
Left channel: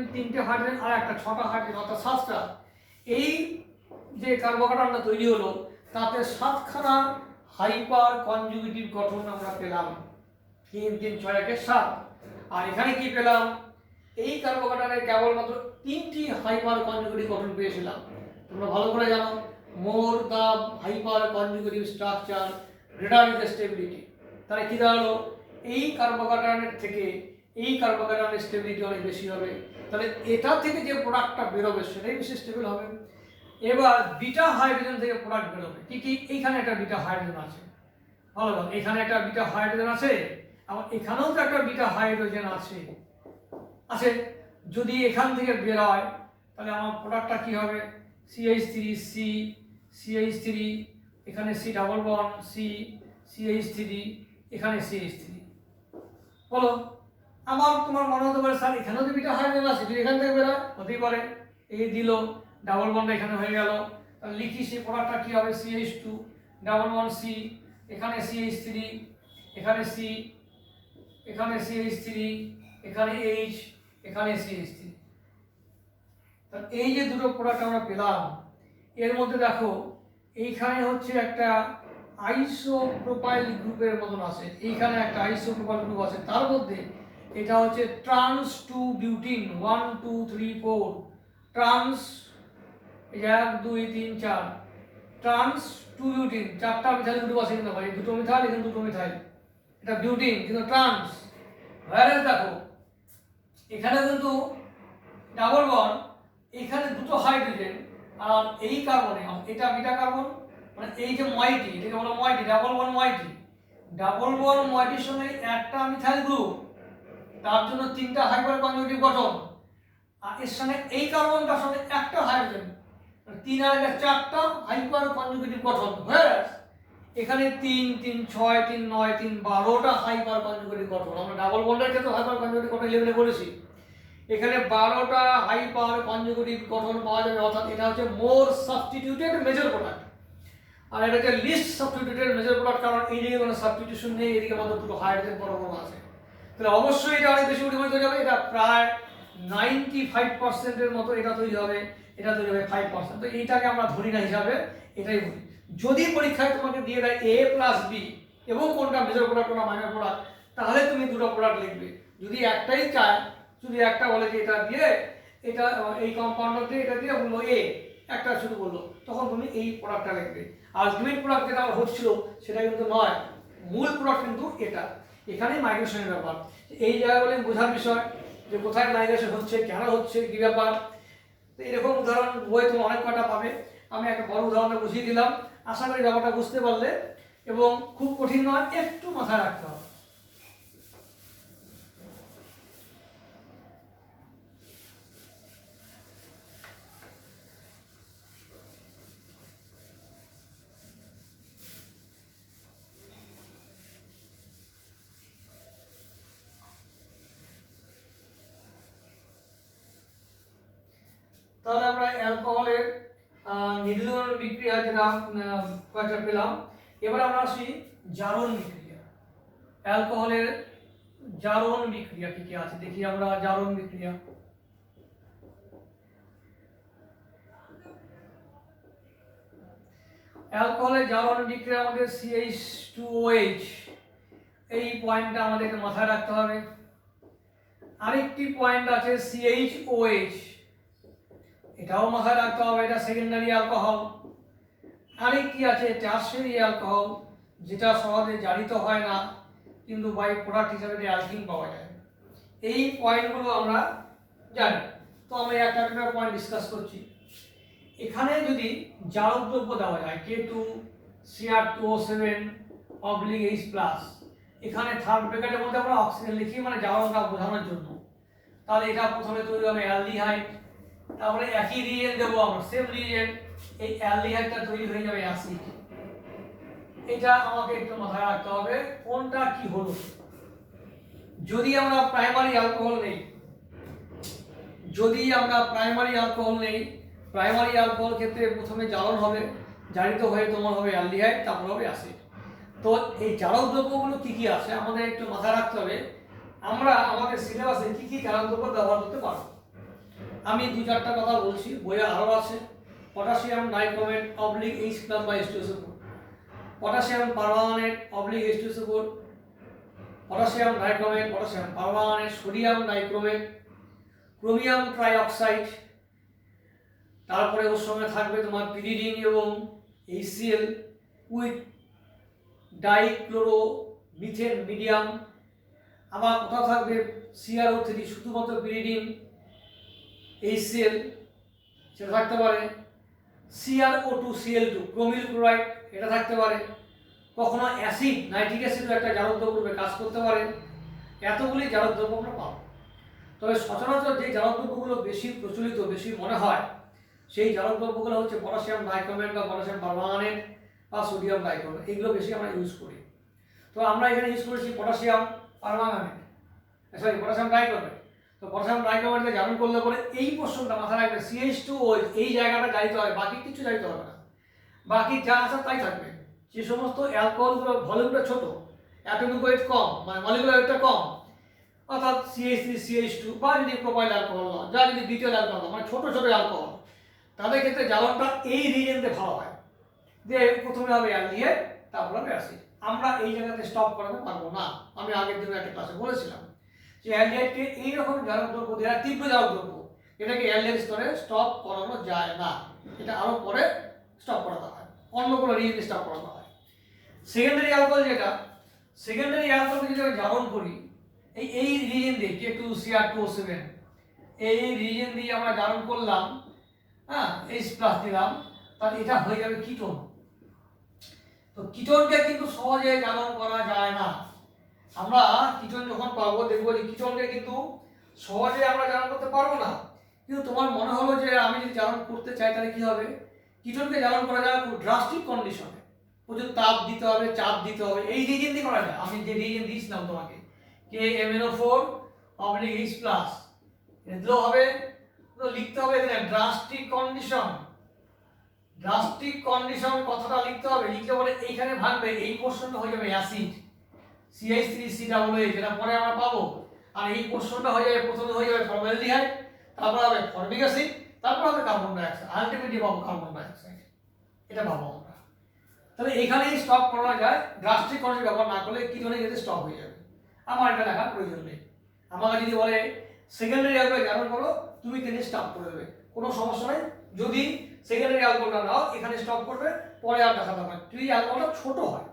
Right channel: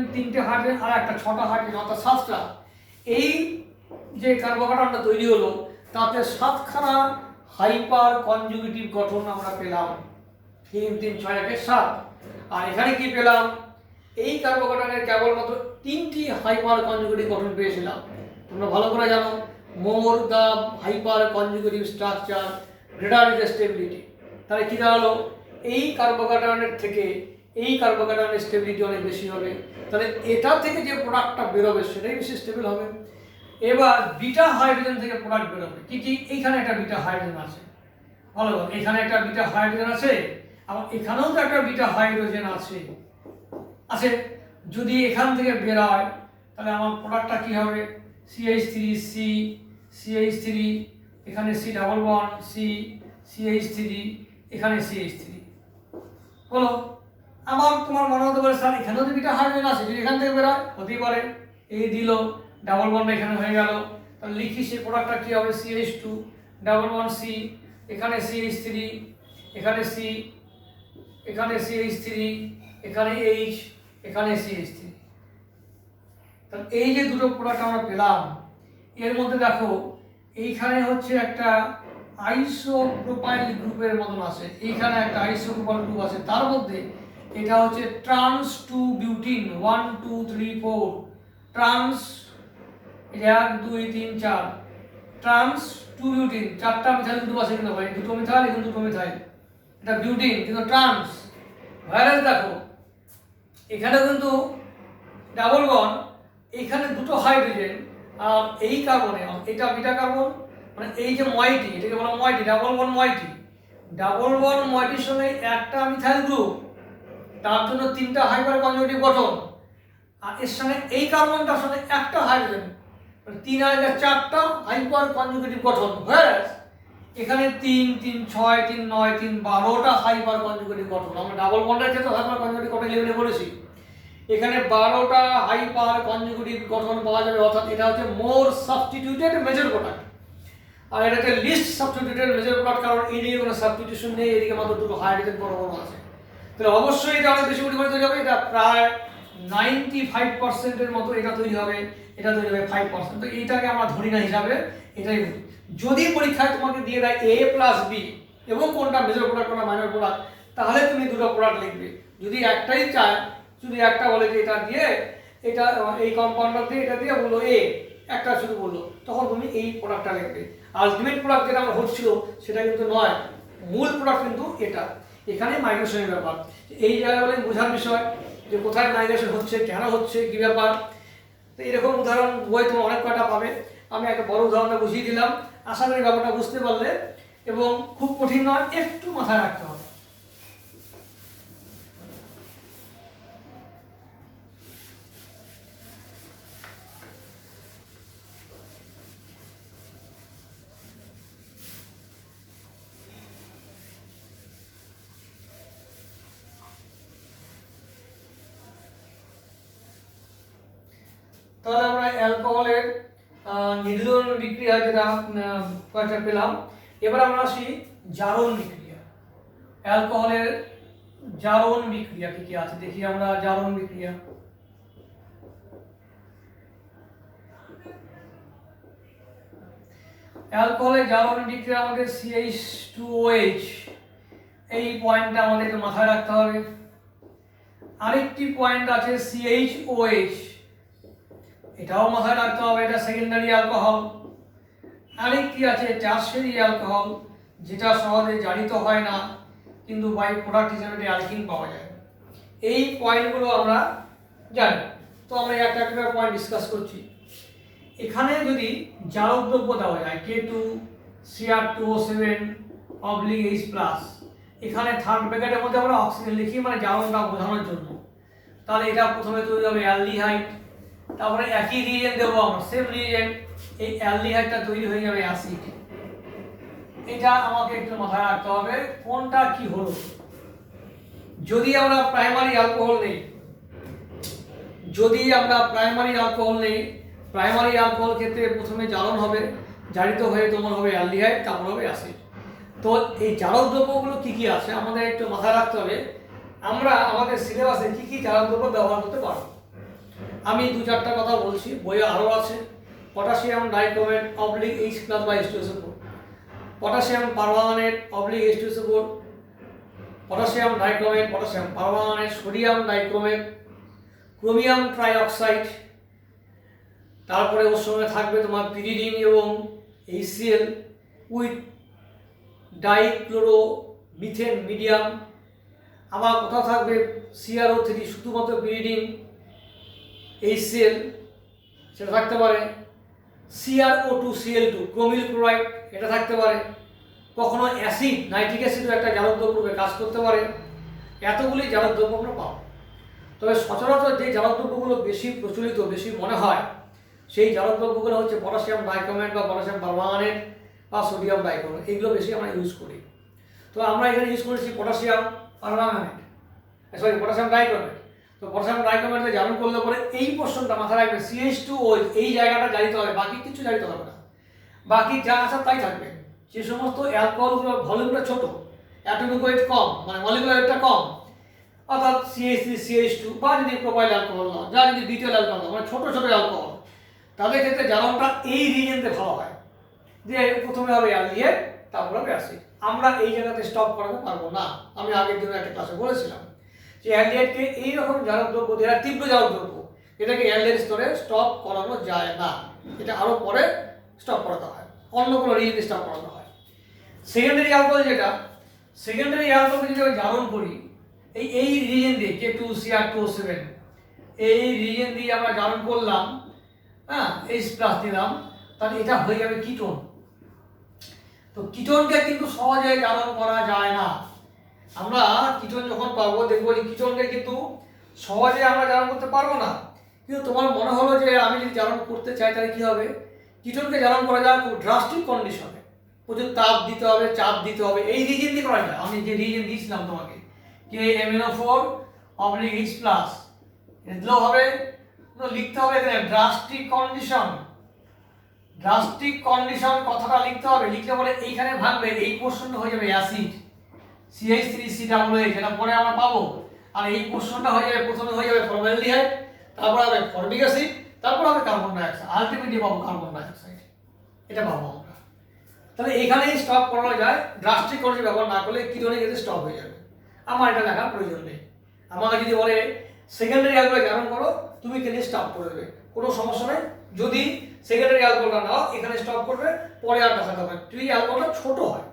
আর একটা 6টা হাইড্রোজেন, অর্থাৎ 7টা। এই যে কার্বোক্যাটায়নটা তৈরি হলো তাতে 7খানা হাইপার কনজুগেটিভ গঠন আমরা পেলাম, 3 3 6 1 7। আর এখানে কি পেলাম? এই কার্বোক্যাটায়নের কেবলমাত্র 3টি হাইপার কনজুগেটিভ গঠন পেয়েছিলাম। তোমরা ভালো করে জানো, more the hyper conjugative structure greater the stability. তাহলে কি দাঁড়ালো? এই কার্বোক্যাটায়নের থেকে এই কার্বোক্যাটায়নের স্টেবিলিটি অনেক বেশি হবে, তাহলে এটা থেকে যে প্রোডাক্টটা বেরোবে সেটাই বেশি স্টেবল হবে। এবার বিটা হাইড্রোজেন থেকে প্রোডাক্ট বেরোবে কি কি? এইখানে একটা বিটা হাইড্রোজেন আছে, ভালো, এখানে একটা বিটা হাইড্রোজেন আছে, আবার এখানেও তো একটা বিটা হাইড্রোজেন আছে। যদি এখান থেকে বের হয় তাহলে আমার প্রোডাক্টটা কি হবে? CH3C, CH3, এখানে C double bond C, CH3, এখানে CH3 হলো। আবার তোমার মনে হতে পারে স্যার এখানেও তো বিটা হাইড্রোজেন আছে, যদি এখান থেকে বের হয় হতেই পারে, এই দিল ডাবল বন্ড এখানে হয়ে গেল, তাহলে লিখি সেই প্রোডাক্টটা কি হবে? CH2 ডাবল বন্ড C, এখানে CH3, এখানে C, এখানে CH3, এখানে H, এখানে CH3। তাহলে এই যে দুটো প্রোডাক্ট আমরা পেলাম, এর মধ্যে দেখো এইখানে হচ্ছে একটা আইসোপ্রোপাইল গ্রুপের মতন আছে, এইখানে একটা আইসোপ্রোপাইল গ্রুপ আছে, তার মধ্যে এটা হচ্ছে trans two butene, 1 2 3 4 trans, 1 2 3 4 trans two butene, 4টা মিথাইল গ্রুপ আছে কিন্তু ভাই, দুটো মিথাইল এখানে দুটো মিথাইল, এটা বিউটিন কিন্তু ট্রান্স। ভাইরাস দেখো এখানে কিন্তু ডাবল বন্ড, এখানে দুটো হাইড্রোজেন, আর এই কার্বনে এটা বিটা কার্বন, মানে এই যে ময়টি এটাকে বলা ময়টি, ডাবল বন্ড ময়টি, ডাবল বন্ড ময়টির সঙ্গে একটা মিথাইল গ্রুপ, তার জন্য 3টা হাইপার কনজুগেটিভ গঠন, আর এর সঙ্গে এই কার্বনটার সঙ্গে একটা হাইড্রোজেন, 3 আর 4টা হাইপার কনজুগেটিভ গঠন। ভাইরাস এখানে 3 3 6 3 9 3 12টা হাইপার কনজুগেটিভ গঠন। আমরা ডাবল বন্ডের ক্ষেত্রে হাইপার কনজুগেটিভ গঠন লেভেলে বলেছি, এখানে 12টা হাইপার কনজুগেটিভ গঠন পাওয়া যাবে, অর্থাৎ এটা হচ্ছে মোর সাবস্টিটিউটেড মেজর প্রোডাক্ট, আর এটা হচ্ছে লিস্ট সাবস্টিটিউটেড মেজর প্রোডাক্ট, কারণ এইদিকে কোনো সাবস্টিটিউশন নেই, এদিকে মাত্র দুটো হাইড্রোজেন পরমাণু আছে। তাহলে অবশ্যই এটা অনেক বেশি পরিমাণে তৈরি হবে, এটা প্রায় 95%-এর মতো এটা তৈরি হবে, এটা তৈরি হবে 5%। তো এইটাকে আমরা ধরি না হিসাবে, এটাই বলি। যদি পরীক্ষায় তোমাকে দিয়ে দেয় A প্লাস বি এবং কোনটা মেজর প্রোডাক্ট কোনটা মাইনর প্রোডাক্ট, তাহলে তুমি দুটো প্রোডাক্ট লিখবে। যদি একটাই চায়, যদি একটা বলে যে এটা দিয়ে এটা এই কম্পাউন্ডার দিয়ে এটা দিয়ে বললো এ, একটা শুধু বললো, তখন তুমি এই প্রোডাক্টটা লিখবে। আলটিমেট প্রোডাক্ট যেটা আমার হচ্ছিল সেটা কিন্তু নয়, মূল প্রোডাক্ট কিন্তু এটা। এখানে মাইগ্রেশনের ব্যাপার, এই জায়গাগুলো বোঝার বিষয় যে কোথায় মাইগ্রেশন হচ্ছে, কেন হচ্ছে, কী ব্যাপার। তো এরকম উদাহরণ বই তোমার অনেক কয়টা পাবে, আমি একটা বড় উদাহরণটা বুঝিয়ে দিলাম, আশা করি ব্যাপারটা বুঝতে পারলে, এবং খুব কঠিন নয়, একটু মাথায় রাখতে হবে। তাহলে আমরা অ্যালকোহলের নির্জন বিক্রিয়া যেটা কয়েকটা পেলাম, এবার আমরা আসি জারণ বিক্রিয়া। অ্যালকোহলের জারণ বিক্রিয়া কি কি আছে দেখি আমরা। জারণ বিক্রিয়া, অ্যালকোহলের জারণ বিক্রিয়ার মধ্যে CH2OH, এই পয়েন্টটা আমাদেরকে মাথায় রাখতে হবে। আরেকটি পয়েন্ট আছে CHOH, এটাও মাথায় রাখতে হবে, এটা সেকেন্ডারি অ্যালকোহল। আরেকটি আছে টারশিয়ারি অ্যালকোহল, যেটা সহজে জারিত হয় না কিন্তু বাই প্রোডাক্ট হিসেবে অ্যালকিন পাওয়া যায়। এই পয়েন্টগুলো আমরা জানি। তো আমরা একটা একটা পয়েন্ট ডিসকাস করছি। এখানে যদি জারক দ্রব্য দেওয়া যায় K2Cr2O7/H+, এখানে থার্ড ব্র্যাকেটের মধ্যে আমরা অক্সিজেন লিখি, মানে জারণটা বোঝানোর জন্য। তাহলে এটা প্রথমে তৈরি হবে অ্যালডিহাইড, তারপরে একই রিয়েজেন্ট দেবো আমরা, সেম রিয়েজেন্ট, এই অ্যালডিহাইডটা তৈরি হয়ে যাবে অ্যাসিড। এটা আমাকে একটু মাথায় রাখতে হবে কোনটা কি হলো। যদি আমরা প্রাইমারি অ্যালকোহল নেই, প্রাইমারি অ্যালকোহল ক্ষেত্রে প্রথমে জারণ হবে, জারিত হয়ে তোমার হবে অ্যালডিহাইড, তারপর হবে অ্যাসিড। তো এই জারক দ্রব্যগুলো কি কি আছে আমাদের একটু মাথায় রাখতে হবে। আমরা আমাদের সিলেবাসে কি কি জারক দ্রব্য ব্যবহার করতে পারবো, আমি 2-4টা কথা বলছি, বইয়ে আরও আছে। Potassium dichromate, potassium permanganate, potassium dichromate, potassium permanganate, sodium dichromate, chromium trioxide, তারপরে ওর সঙ্গে থাকবে তোমার পিরিডিন এবং HCl উইথ ডাইক্লোরোমিথেন মিডিয়াম। আবার কোথাও থাকবে CrO3, শুধুমাত্র পিরিডিন HCl, সেটা থাকতে পারে। CrO2Cl2 ক্রোমিল ক্লোরাইড, এটা থাকতে পারে। কখনো অ্যাসিড নাইট্রিক অ্যাসিডও একটা জারক দ্রব্য রূপে কাজ করতে পারে। এতগুলি জারক দ্রব্য আমরা পাবো। তবে সচরাচর যে জারক দ্রব্যগুলো বেশি প্রচলিত, বেশি মনে হয়, সেই জারক দ্রব্যগুলো হচ্ছে পটাশিয়াম ডাইক্রোমেট বা পটাশিয়াম পারম্যাঙ্গানেট বা সোডিয়াম ডাইক্রোমেট, এগুলো বেশি আমরা ইউজ করি। তো আমরা এখানে ইউজ করেছি পটাশিয়াম পারম্যাঙ্গানেট, পটাশিয়াম ডাইক্রোমেট। তো পটাশিয়াম ডাইক্রোমেটকে জারণ করলে পরে এই পোর্শনটা মাথায় রাখবে, CH2OH, এই জায়গাটা জারিত হবে, বাকি কিছু জারিত হবে না, বাকি যা আছে তাই থাকবে। যে সমস্ত অ্যালকোহলগুলো ভলিউমটা ছোট, অ্যাটমিক ওয়েট কম, মানে মলিকুলার ওয়েটটা কম, অর্থাৎ CH3 CH2 বা যদি প্রোপাইল অ্যালকোহল না, যা যদি বিটল অ্যালকোহল, মানে ছোট ছোট অ্যালকোহল, তাদের ক্ষেত্রে জারণটা এই রিজেন্টে ভালো হয়, যে প্রথমে হবে অ্যালডিহাইড, তারপর হবে অ্যাসিড। আমরা এই জায়গাতে স্টপ করাতে পারবো না, আমি আগের দিনে একটা ক্লাসে বলেছিলাম। যে অ্যালডিহাইডকে এইরকম জারক দ্রব্য যেটা তীব্র জারক দ্রব্য এটাকে অ্যালডিহাইড স্তরে স্টপ করানো যায় না, এটা আরও পরে স্টপ করাতে হয়, অন্য কোনো রিয়েজেন্ট স্টপ করাতে হয়। সেকেন্ডারি অ্যালকোহল যেটা, সেকেন্ডারি অ্যালকোহল যদি আমি জারণ করি এই রিয়েজেন্ট দিয়ে K2Cr2O7 এই রিয়েজেন্ট দিয়ে আমরা জারণ করলাম, হ্যাঁ H+ দিলাম, তাহলে এটা হয়ে যাবে কিটোন। তো কিটোনকে কিন্তু সহজে জারণ করা যায় না। আমরা কিটোন যখন পাবো দেখবো যে কিটোনকে কিন্তু সহজে আমরা জারণ করতে পারবো না। কিন্তু তোমার মনে হলো যে আমি যদি জারণ করতে চাই তাহলে কি হবে, কিটোনকে জারণ করা যায় খুব ড্রাস্টিক কন্ডিশনে, প্রচুর তাপ দিতে হবে, চাপ দিতে হবে, এই রিজেন দিয়ে করা যায়। আমি যে রিজেন দিয়েছিলাম তোমাকে KMnO4/H+, দিলেও হবে, তো লিখতে হবে এখানে ড্রাস্টিক কন্ডিশন। ড্রাস্টিক কন্ডিশন কথাটা লিখতে হবে, লিখতে পরে এইখানে ভাঙবে, এই পোর্শনটা হয়ে যাবে অ্যাসিড CH3COOH, যেটা পরে আমরা পাবো। আর এই পোর্শনটা হয়ে যাবে, প্রথমে হয়ে যাবে ফর্মালডিহাইড, তারপর হবে ফর্মিক অ্যাসিড, তারপর হবে কার্বন ডাইঅক্সাইড, আলটিমেটলি পাবো কার্বন ডাইঅক্সাইড, এটা পাবো আমরা। তাহলে এখানেই স্টপ করা যায়, ড্রাস্টিক কন্ডিশন ব্যবহার না করলে কিটোনে গেলে স্টপ হয়ে যাবে। আমার এটা লেখার প্রয়োজন নেই। আমাকে যদি বলে সেকেন্ডারি অ্যালকোহল জারণ করো, তুমি কিন্তু স্টপ করে দেবে, কোনো সমস্যা নেই। যদি সেকেন্ডারি অ্যালকোহলটা নাও, এখানে স্টপ করবে, পরে আর দেখাতে হবে যদি অ্যালকোহলটা ছোট হয়।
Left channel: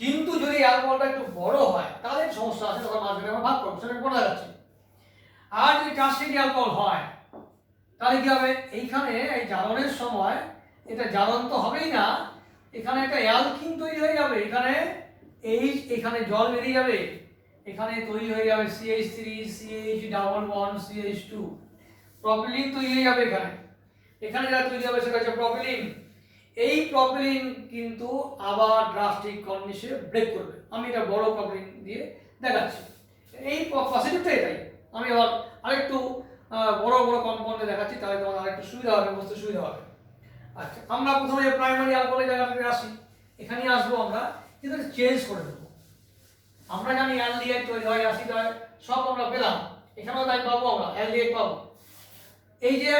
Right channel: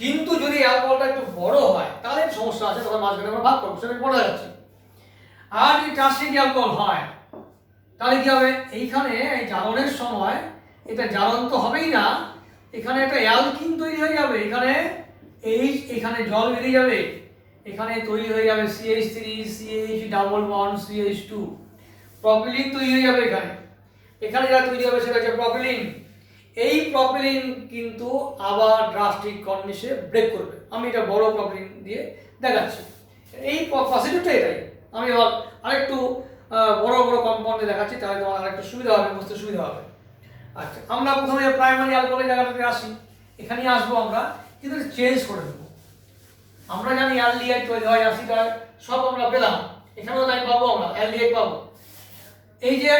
কিন্তু যদি অ্যালকোহলটা একটু বড় হয় তাহলে সমস্যা আছে, তখন মাঝখানে আমরা ভাগ করবো, সেটা পড়ে যাচ্ছি। আর যদি ট্রান্সিট অ্যালকোহল হয় তাহলে কি হবে, এইখানে এই জারণের সময় এটা জারণ তো হবেই না, এখানে একটা অ্যালকিন তৈরি হয়ে যাবে, এখানে এখানে জল বেরিয়ে যাবে, এখানে তৈরি হয়ে যাবে CH3CH double bond CH2, propylene তৈরি হয়ে যাবে এখানে। এখানে যা তৈরি হবে সেটা হচ্ছে প্রপিলিন। এই প্রপিলিন কিন্তু আবার ড্রাস্টিক কন্ডিশনে ব্রেক করবে। আমি এটা বড় প্রপিলিন দিয়ে দেখাচ্ছি, এই প্রসিডিউরটা এটাই। আমি আবার আরেকটু বড় বড় কম্পাউন্ডে দেখাচ্ছি, তাহলে তোমার আরেকটু সুবিধা হবে, বুঝতে সুবিধা হবে। আচ্ছা, আমরা প্রথমে প্রাইমারি অ্যালকোহলের জায়গাটাতে আসি, এখানেই আসবো আমরা, কিন্তু চেঞ্জ করে দেবো। আমরা জানি অ্যালডিহাইড তৈরি হয়, অ্যাসিড হয়, সব আমরা পেলাম, এখানেও তাই পাবো, আমরা অ্যালডিহাইড পাবো। এই যে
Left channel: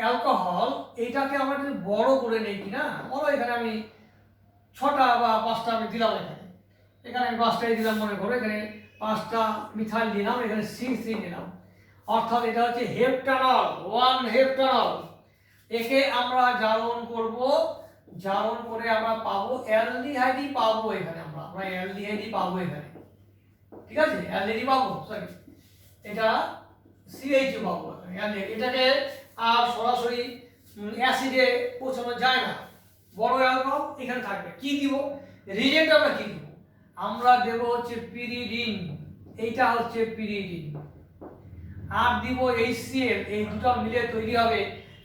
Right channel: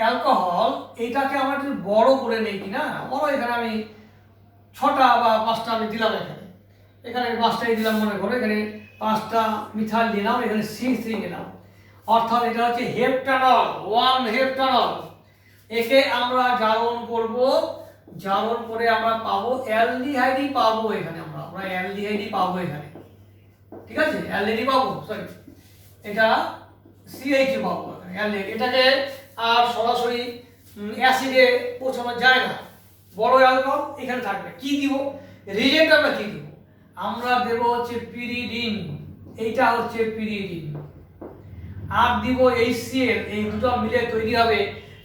অ্যালকোহল, এটাকে আমরা একটু বড় করে নেই কি না, বড়, এখানে আমি 6টা বা 5টা আমি দিলাম, এখানে 5টাই দিলাম মনে করো, এখানে 5টা মিথাইল দিলাম, এখানে CH3 দিলাম, অর্থাৎ এটা হচ্ছে হেপটানল, 1 হেপটানল। একে আমরা জারণ করব, জারণ করে আমরা পাবো অ্যালডিহাইডই পাবো, এখানে আমরা অ্যালডিহাইডই পাবো এখানে, ঠিক আছে, অ্যালডিহাইড পাবো, সরি এটা CH পাবো অ্যালডিহাইড। এটাকে আর সরাসরি অ্যাসিডে পৌঁছানো যায় না, বড় অ্যালকোহল এখানে থাকবে। কি দিব রিজেন্ট, আমরা কি দিব, আমরা দেব হচ্ছে পিরিডিন, এইটা হচ্ছে পিরিডিন, আর দিব HCl, এই দুটো মিলে তৈরি হবে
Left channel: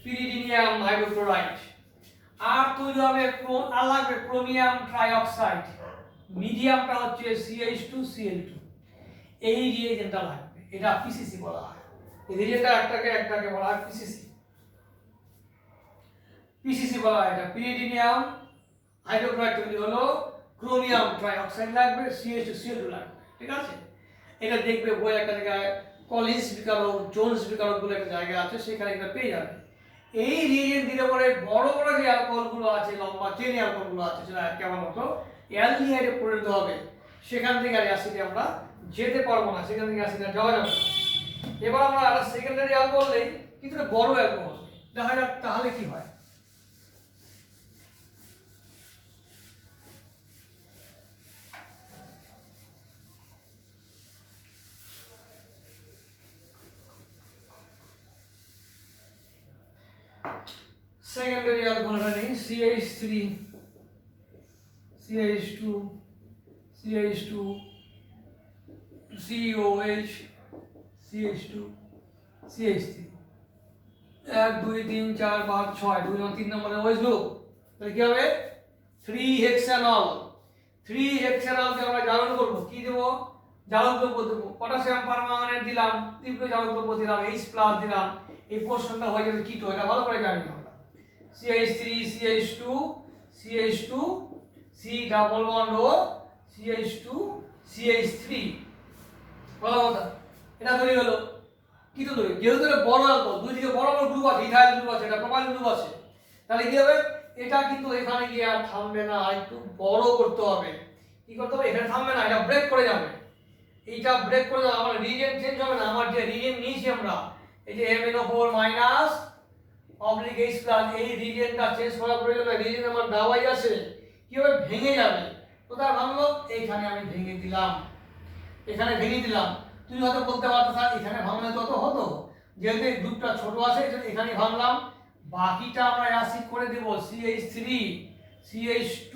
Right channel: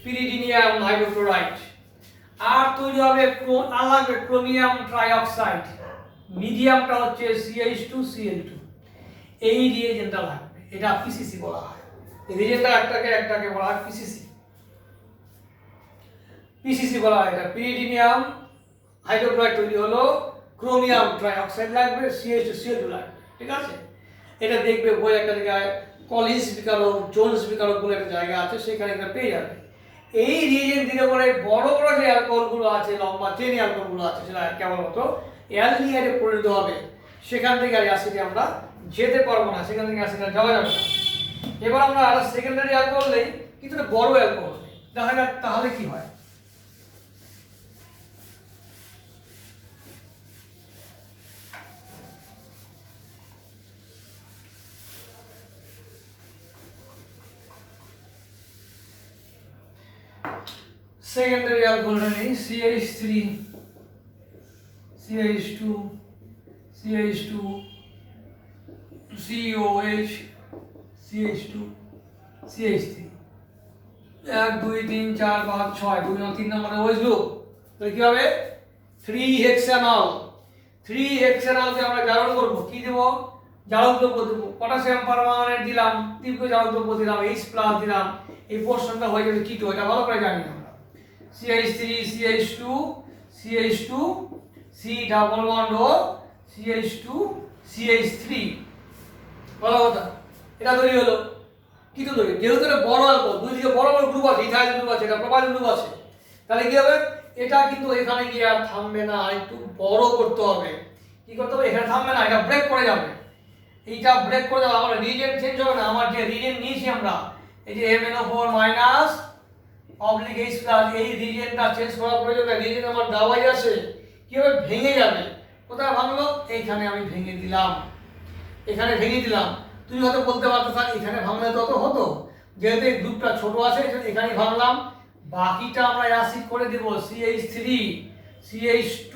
পিরিডিনিয়াম হাইড্রোক্লোরাইড, আর তৈরি হবে ক্রোমিয়াম ট্রাইঅক্সাইড, মিডিয়ামটা হচ্ছে CH2Cl2, এই রিয়েজেন্টটা লাগবে, এটা PCC বলা হয়। এই রিয়েজেন্টটা একটাকে বলা হয় PCC বলা হয়। এটা পিরিডিনিয়াম হাইড্রোক্লোরাইড তৈরি হলো, ক্রোমিয়াম ট্রাইঅক্সাইড লাগবে, CH2Cl2 লাগবে, ঠিক আছে। এটা দেখবে বই একটা জায়গায় কলিন্স বিকারক, জোন্স বিকারক বলে একটা জায়গা আছে, সেখানে এটা পেয়ে যাবে। এই রিয়েজেন্ট দিলে পরে বড় বড় যে অ্যালকোহলগুলো আছে, লম্বা চেন অ্যালকোহলগুলো আছে, সেটা কেবলমাত্র অ্যালডিহাইডে পরিণত হবে, সেখান থেকে আর অ্যাসিডে আমরা যেতে পারবো না, সেখান থেকে অ্যাসিড আর যাওয়া যাবে না। এবার আমরা একটা সেকেন্ডারি অ্যালকোহল নেই, কিন্তু এটা বড় অ্যালকোহল নেই, দেখা যাক তাহলে কি হয়। সেকেন্ডারি অ্যালকোহলটা নেই, CH3 CH2 CH2 COH CH2 CH3, 1 2 3 4 5 6, 2 3 নম্বরে OH গ্রুপ, তাহলে কি হবে 3 হেক্সানল। 3 হেক্সানলকে আমরা জারণ করব, কি দেব, জারক দ্রব্য দেব, পটাশিয়াম পারম্যাঙ্গানেট দিলাম, তীব্র জারক দ্রব্য দিলাম, H+ দিলাম, এই পোর্শনটা হয়ে যাবে কিটো, এটা ভালো করে জানি আমরা। CH3 CH2 CH2 C double bond ও CH2 CH3, ভালো কথা, এটা তৈরি হলো কিটো তৈরি। যেহেতু এটা বড় অ্যালকোহল, দুই দিকে বড় বড় গ্রুপ আছে, ইথাইল গ্রুপ আছে, এটা প্রোপাইল গ্রুপ আছে, তাহলে কি হবে, এটা কিন্তু এখানে গিয়ে আর থামবে না, একটু বড় করতে হবে। কি করতে হবে, এখানে থামবে না, এটা ব্রেক করে যাবে, এইটা ব্রেক করে দেবো, আমার রিজেন্ট চেঞ্জ হবে না, আমার যে রিজেন্ট নিয়েছি আমরা এই যে MnO4 minus oblique H plus, এই রিজেন্টটা চেঞ্জ করার প্রয়োজন নেই, রিজেন্ট আমার দাওয়াই আছে, কি হবে ভেঙে যাবে। কোথায় ভাঙলো? এইখানে আমি ভেঙে দিলাম, এখানে ভেঙে দিলাম। তুই হয়তো বলতে পারতো স্যার এখানে ভাঙলে তো হতো, যেহেতু এই গ্রুপটা ছোট আছে এখানে ভাঙলাম, বাকিটা আমরা অ্যাসিড করে দেব CH3 CH2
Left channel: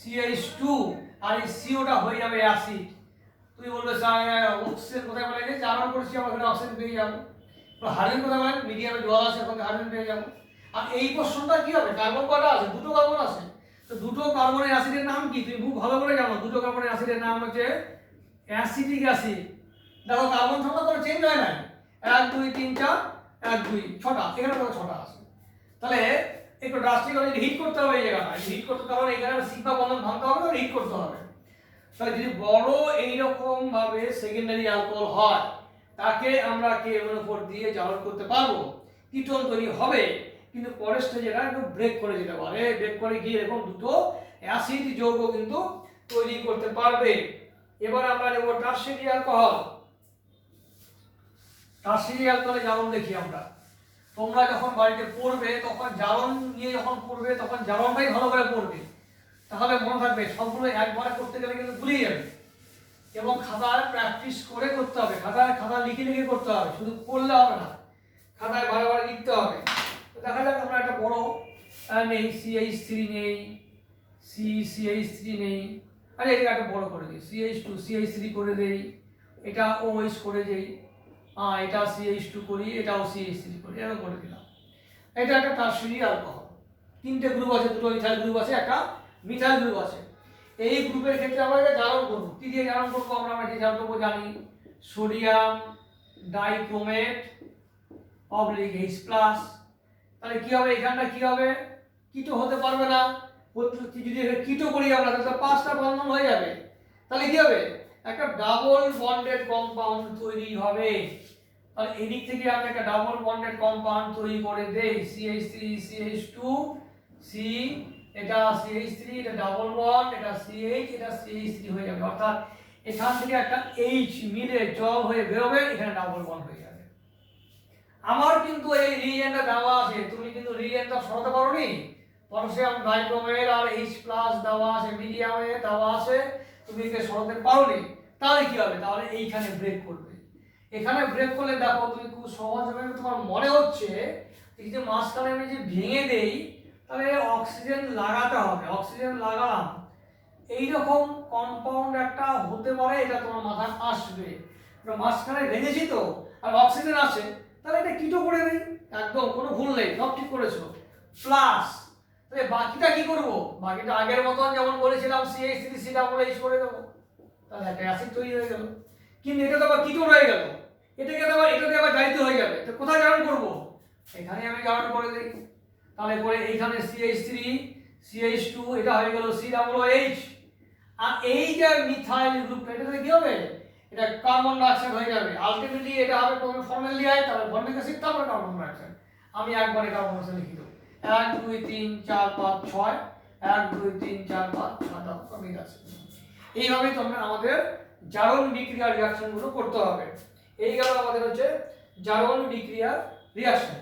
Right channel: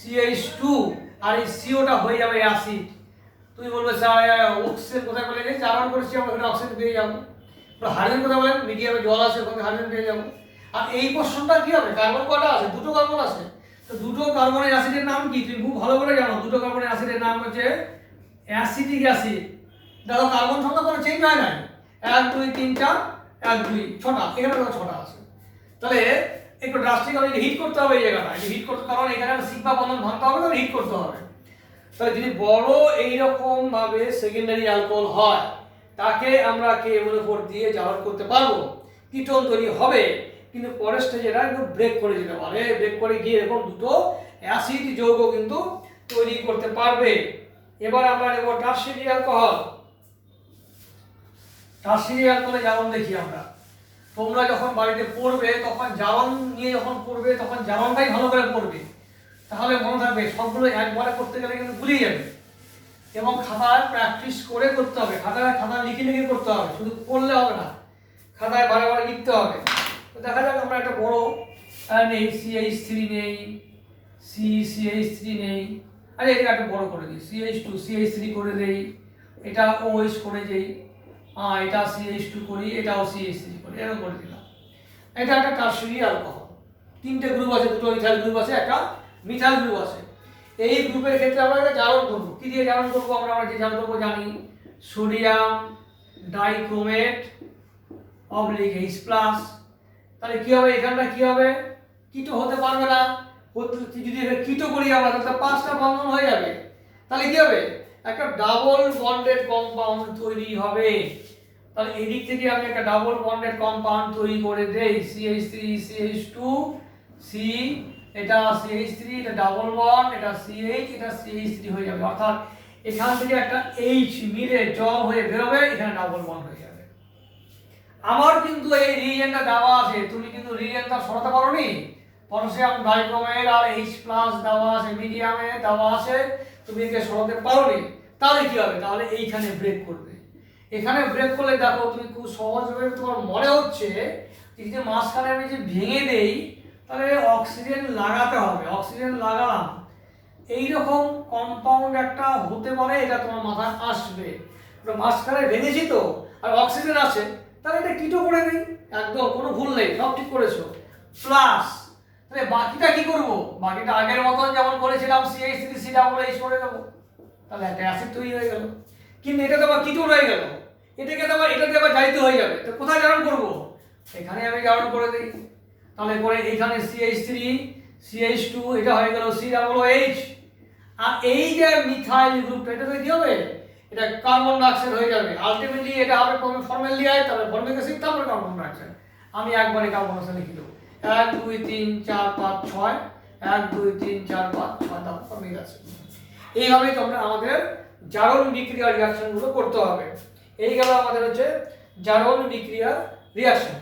CH2 আর এই COটা হয়ে যাবে অ্যাসিড। তুই বলবে স্যার অক্সিজেন কোথায় পেলে গেছে, জারণ করেছি আমরা ওখানে অক্সিজেন পেয়ে যাবো। হাইড্রোজেন কোথায় বলেন, মিডিয়ামে জল আছে ওখানে হাইড্রোজেন পেয়ে যাবো। আর এই পোর্শনটা কি হবে, কার্বন কটা আছে? দুটো কার্বন আছে, তো দুটো কার্বনের অ্যাসিডের নাম কি তুমি খুব ভালো করে জানো, দুটো কার্বনের অ্যাসিডের নাম হচ্ছে অ্যাসিটিক অ্যাসিড। দেখো কার্বন সংখ্যা কোনো চেঞ্জ হয় নাই, 1 2 3 4 1 2 6টা, এখানে দেখো 6টা আছে। তাহলে একটু ড্রাস্টিক হবে, হিট করতে হবে এই জায়গাটা, হিট করতে, কারণ এখানে সিগমা বন্ধন ভাঙতে হবে, তো হিট করতে হবে। তাহলে যদি বড় এইরকম ভাবে সেকেন্ডারি অ্যালকোহল হয় তাকে আমরা KMnO4 দিয়ে জারণ করতে পারবো, কিটোন তৈরি হবে, কিন্তু পরের স্টেজে এটা একটু ব্রেক করে যেতে পারে, ব্রেক করে গিয়ে এরকম দুটো অ্যাসিড যৌগ কিন্তু তৈরি করতে পারবে। এবার আমরা নেব টারশিয়ারি অ্যালকোহল। টারশিয়ারি অ্যালকোহলে জারণ দেখি আমরা, তোমরা যখন বাড়িতে পড়বে তখন জারণ নিয়ে যখন পড়বে তখন জারণটাই ভালো করে পড়বে, তাহলে মনে থাকবে, সবগুলো একবারে করতে গেলে কিন্তু ভুলে যাবে, এবং খাতায় প্র্যাকটিস করে করতে হবে, খাতা লিখে লিখে করতে হবে, শুধু পড়লে হবে না, খাতায় বারে বারে লিখতে হবে। তো দেখা যাক আমরা একটা বড় নেই, CH3 নেই, CH3 নেই, আরে এটা একটা বড় করে দিই, CH2 CH3 করে দেই, এটা OH করে দেই, এটা CH2 করি, এটাও CH3 করি, এরকম করে দিলাম। এটা একটা টারশিয়ারি অ্যালকোহল, তিনটে গ্রুপ আছে, দুটো ইথাইল গ্রুপ আছে, একটা মিথাইল গ্রুপ আছে। এই গ্রুপের ক্ষেত্রে আমরা এটা জারণ করব, কি দিয়ে জারণ করব, আমরা যে জারণ করব জানি, sodium dichromate oblique H plus. তাহলে কি হবে, এখানটা কি হবে, কিটো হতে পারবে না, যদি কিটো করি আমরা তাহলে 5টা বন্ধন হয়ে যাবে, তাহলে কি হবে, একটা ডাবল বন্ডেড কম্পাউন্ড তৈরি হবে। তাহলে এদিক থেকে আমি একটা ডাবল বন্ডেড কম্পাউন্ড তৈরি করে দেই, CH3 CH2 C, এটা CH3, এটা ডাবল বন্ড, এটা CH, এটা CH3 হয়ে যাবে, অর্থাৎ এখান থেকে একটা H মিলে জল হয়ে বেরোবে, এখানে ডাবল বন্ড হয়ে যাবে। আমার কিন্তু এই রিএজেন্টটা দেওয়া আছে, তুমি কিন্তু রিএজেন্টটা সরাতে পারোনি, পটাশিয়াম ডাইক্রোমেট আর H প্লাস দেওয়া আছে, মিডিয়ামে দেওয়া আছে, তুমি একে সরাতে পারোনি, তাহলে কি হবে, তাহলে এইখানে ব্রেক করবে। এখানে ব্রেক করলে দেখো তুমি খুব সহজভাবে তোমার মনে হচ্ছে যে মাঝখানে আমি যে ভেঙে দেই তাহলে অক্সিজেন লাগাতে হবে, অক্সিজেন লাগালাম, এইরকম কম্পাউন্ড একটা হতে পারে, এটা তোমার মাথায় আসবে। মাঝখানে ভেঙেছি তো আর অক্সিজেন আছে, তাহলে এটা কিটো করে দিই, একদম কোনো ভুল নেই, সব ঠিক করেছো। প্লাস তাহলে বাকিটা কি করব, বাকিটা আগের মতন যেমন করেছিলাম CH3 CH করে দেবো, তাহলে একটা অ্যাসিড তৈরি হয়ে গেল। কিন্তু এটা তো আবার কিটোন হয়ে গেল, এটাকে তো আবার এটা দিয়ে আবার জারিত হয়ে যাবে, তো কোথায় জারণ করব, এখানে আমি জারণ করে দিই। তাহলে করে এখানে CH3 CH2, এটা হয়ে গেল COOH, আর এই যে মিথাইল গ্রুপটা এটা কি হবে, এটা কার্বন ডাইঅক্সাইড হয়ে যাবে, আলটিমেটলি এটা হবে ফর্মালডিহাইড, তারপরে ফর্মিক অ্যাসিড, তারপরে কার্বন ডাইঅক্সাইড। আমি একবারে কার্বন ডাইঅক্সাইড লিখে দেবো, 1 2 3 4 5 6, 1 2 3 4 5 6, তারপর ফর্মিক অ্যাসিড। এইভাবেই তোমরা আমাদের জারণ বিক্রিয়া রিঅ্যাকশনগুলো করতে হবে। এই গেল আমাদের হচ্ছে জারণ বিক্রিয়া রিঅ্যাকশন।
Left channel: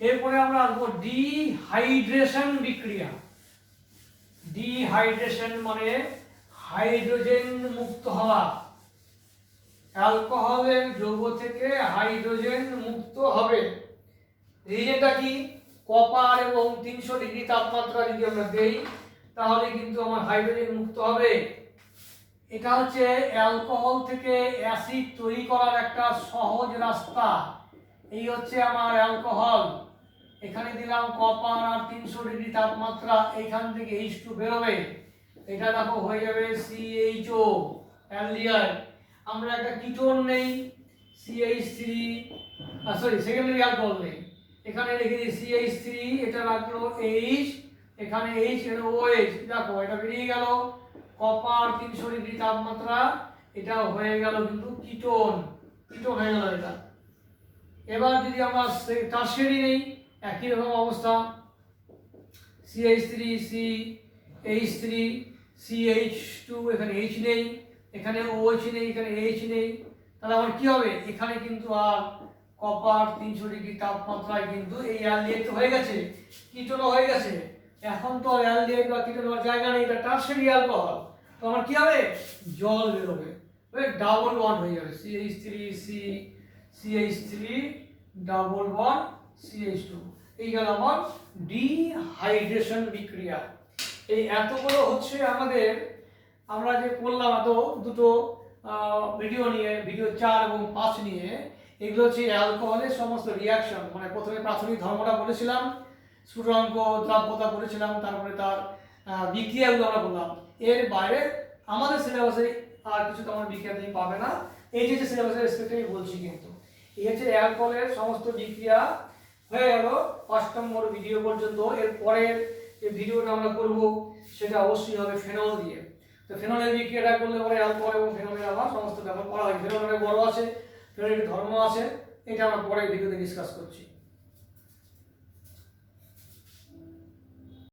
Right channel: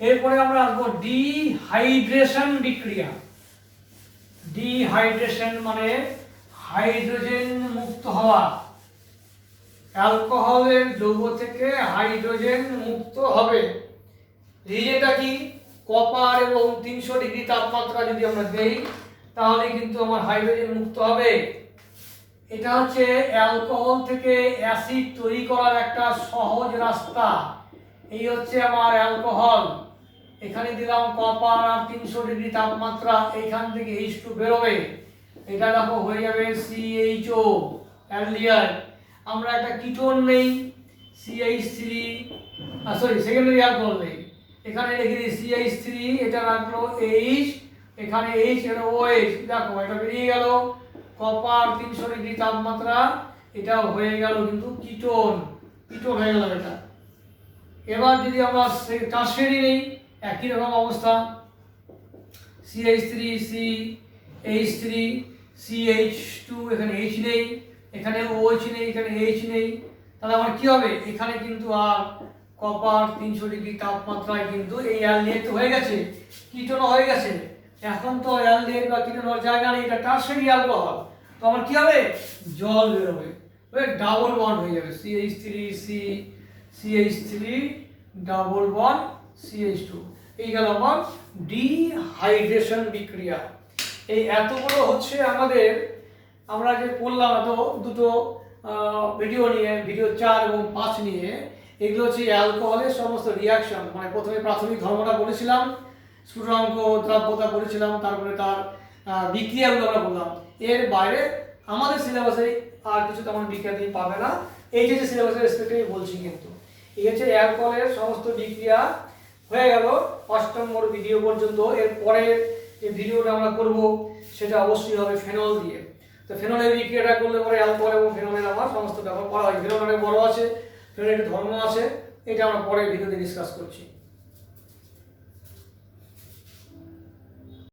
এরপরে আমরা আসবো ডিহাইড্রেশন বিক্রিয়া। ডিহাইড্রেশন মানে হাইড্রোজেন মুক্ত হওয়া, অ্যালকোহলের যৌগ থেকে হাইড্রোজেন মুক্ত হবে। রিজেন্টটা কি, কপার এবং 300 ডিগ্রি তাপমাত্রা যদি আমরা দেই তাহলে কিন্তু আমার হাইড্রোজেন মুক্ত হবে। এটা হচ্ছে অ্যালকোহল থেকে অ্যাসিড তৈরি করার একটা সহজ রাস্তা। এই হচ্ছে আমার অ্যালকোহল, এখানে দিলাম কপার আর 300 ডিগ্রি তাপমাত্রা, এখান থেকে H2 বেরোবে, এটা দেখো হয়ে যাবে CHO অ্যালডিহাইড। আমরা একটা কিটোন নেই CH3, সরি সেকেন্ডারি অ্যালকোহল নেই, এখানে লিখে দিই CH3, এটা রাখলো H, এখানে H এর OH, দেখো এটা বেরিয়ে গেল, কপার 300 ডিগ্রি তাপমাত্রা, এটা হয়ে গেল কিন্তু কিটোন, কিটোন হয়ে গেল এটা। এবার যদি আমরা টারশিয়ারি নেই, একই রকম অবস্থা, CH3 CH3 CH2, এখানে H নেই, এখানে OH নেই, এখানে H নেই, তাহলে আমার কি হবে? এখানে কিন্তু আর কপার 300 ডিগ্রি তাপমাত্রায় কিন্তু এই অ্যালডিহাইড হয়ে গেছে, কিটোন হয়ে গেছে। এখন তো অ্যালডিহাইড বা কিটোন হওয়ার জায়গা নেই, এটা টারশিয়ারি অ্যালকোহল। তো আমার কি হবে? জল বেরোবে, ডাবল বন্ড হয়ে যাবে, CH3 ডাবল বন্ড CH2। এই গেল আমার ডিহাইড্রেশন বিক্রিয়া। এই এতগুলো হচ্ছে আমাদের, আমরা যে করলাম দুটো ভিডিও নিয়ে, ভিডিও 4 এবং 5 নিয়ে, এগুলো হচ্ছে অ্যালকোহলের সমস্ত রিয়াকশন। মানে প্রথমে প্রাথমিক ধর্মটা বলেছিলাম, স্ফুটনাঙ্ক দ্রাব্যতা বলেছিলাম, তারপরে তার বিক্রিয়াগুলো আমরা বললাম। এর বাইরে আমাদের সিলেবাসে আর কিছু তেমন বিক্রিয়া তুমি পাবে না, এই যে সিলেবাসের রেসপেক্টে বলছি। কিন্তু এই হচ্ছে অ্যালকোহলের সমস্ত বিক্রিয়া হয়ে গেল 5 নম্বর ভিডিও পর্যন্ত। এর পরের যে ভিডিওটা আমরা করব সেটা অবশ্যই হবে ফেনল দিয়ে। তো ফেনলের বিক্রিয়াটা করলে পরে অ্যালকোহল এবং ফেনলের আমার সমস্ত ব্যাপার করা হয়। ফেনল অনেক বড় আছে, ফেনলের একটা ধর্ম আছে, এটা আমরা পরের ভিডিওতে ডিসকাস করছি।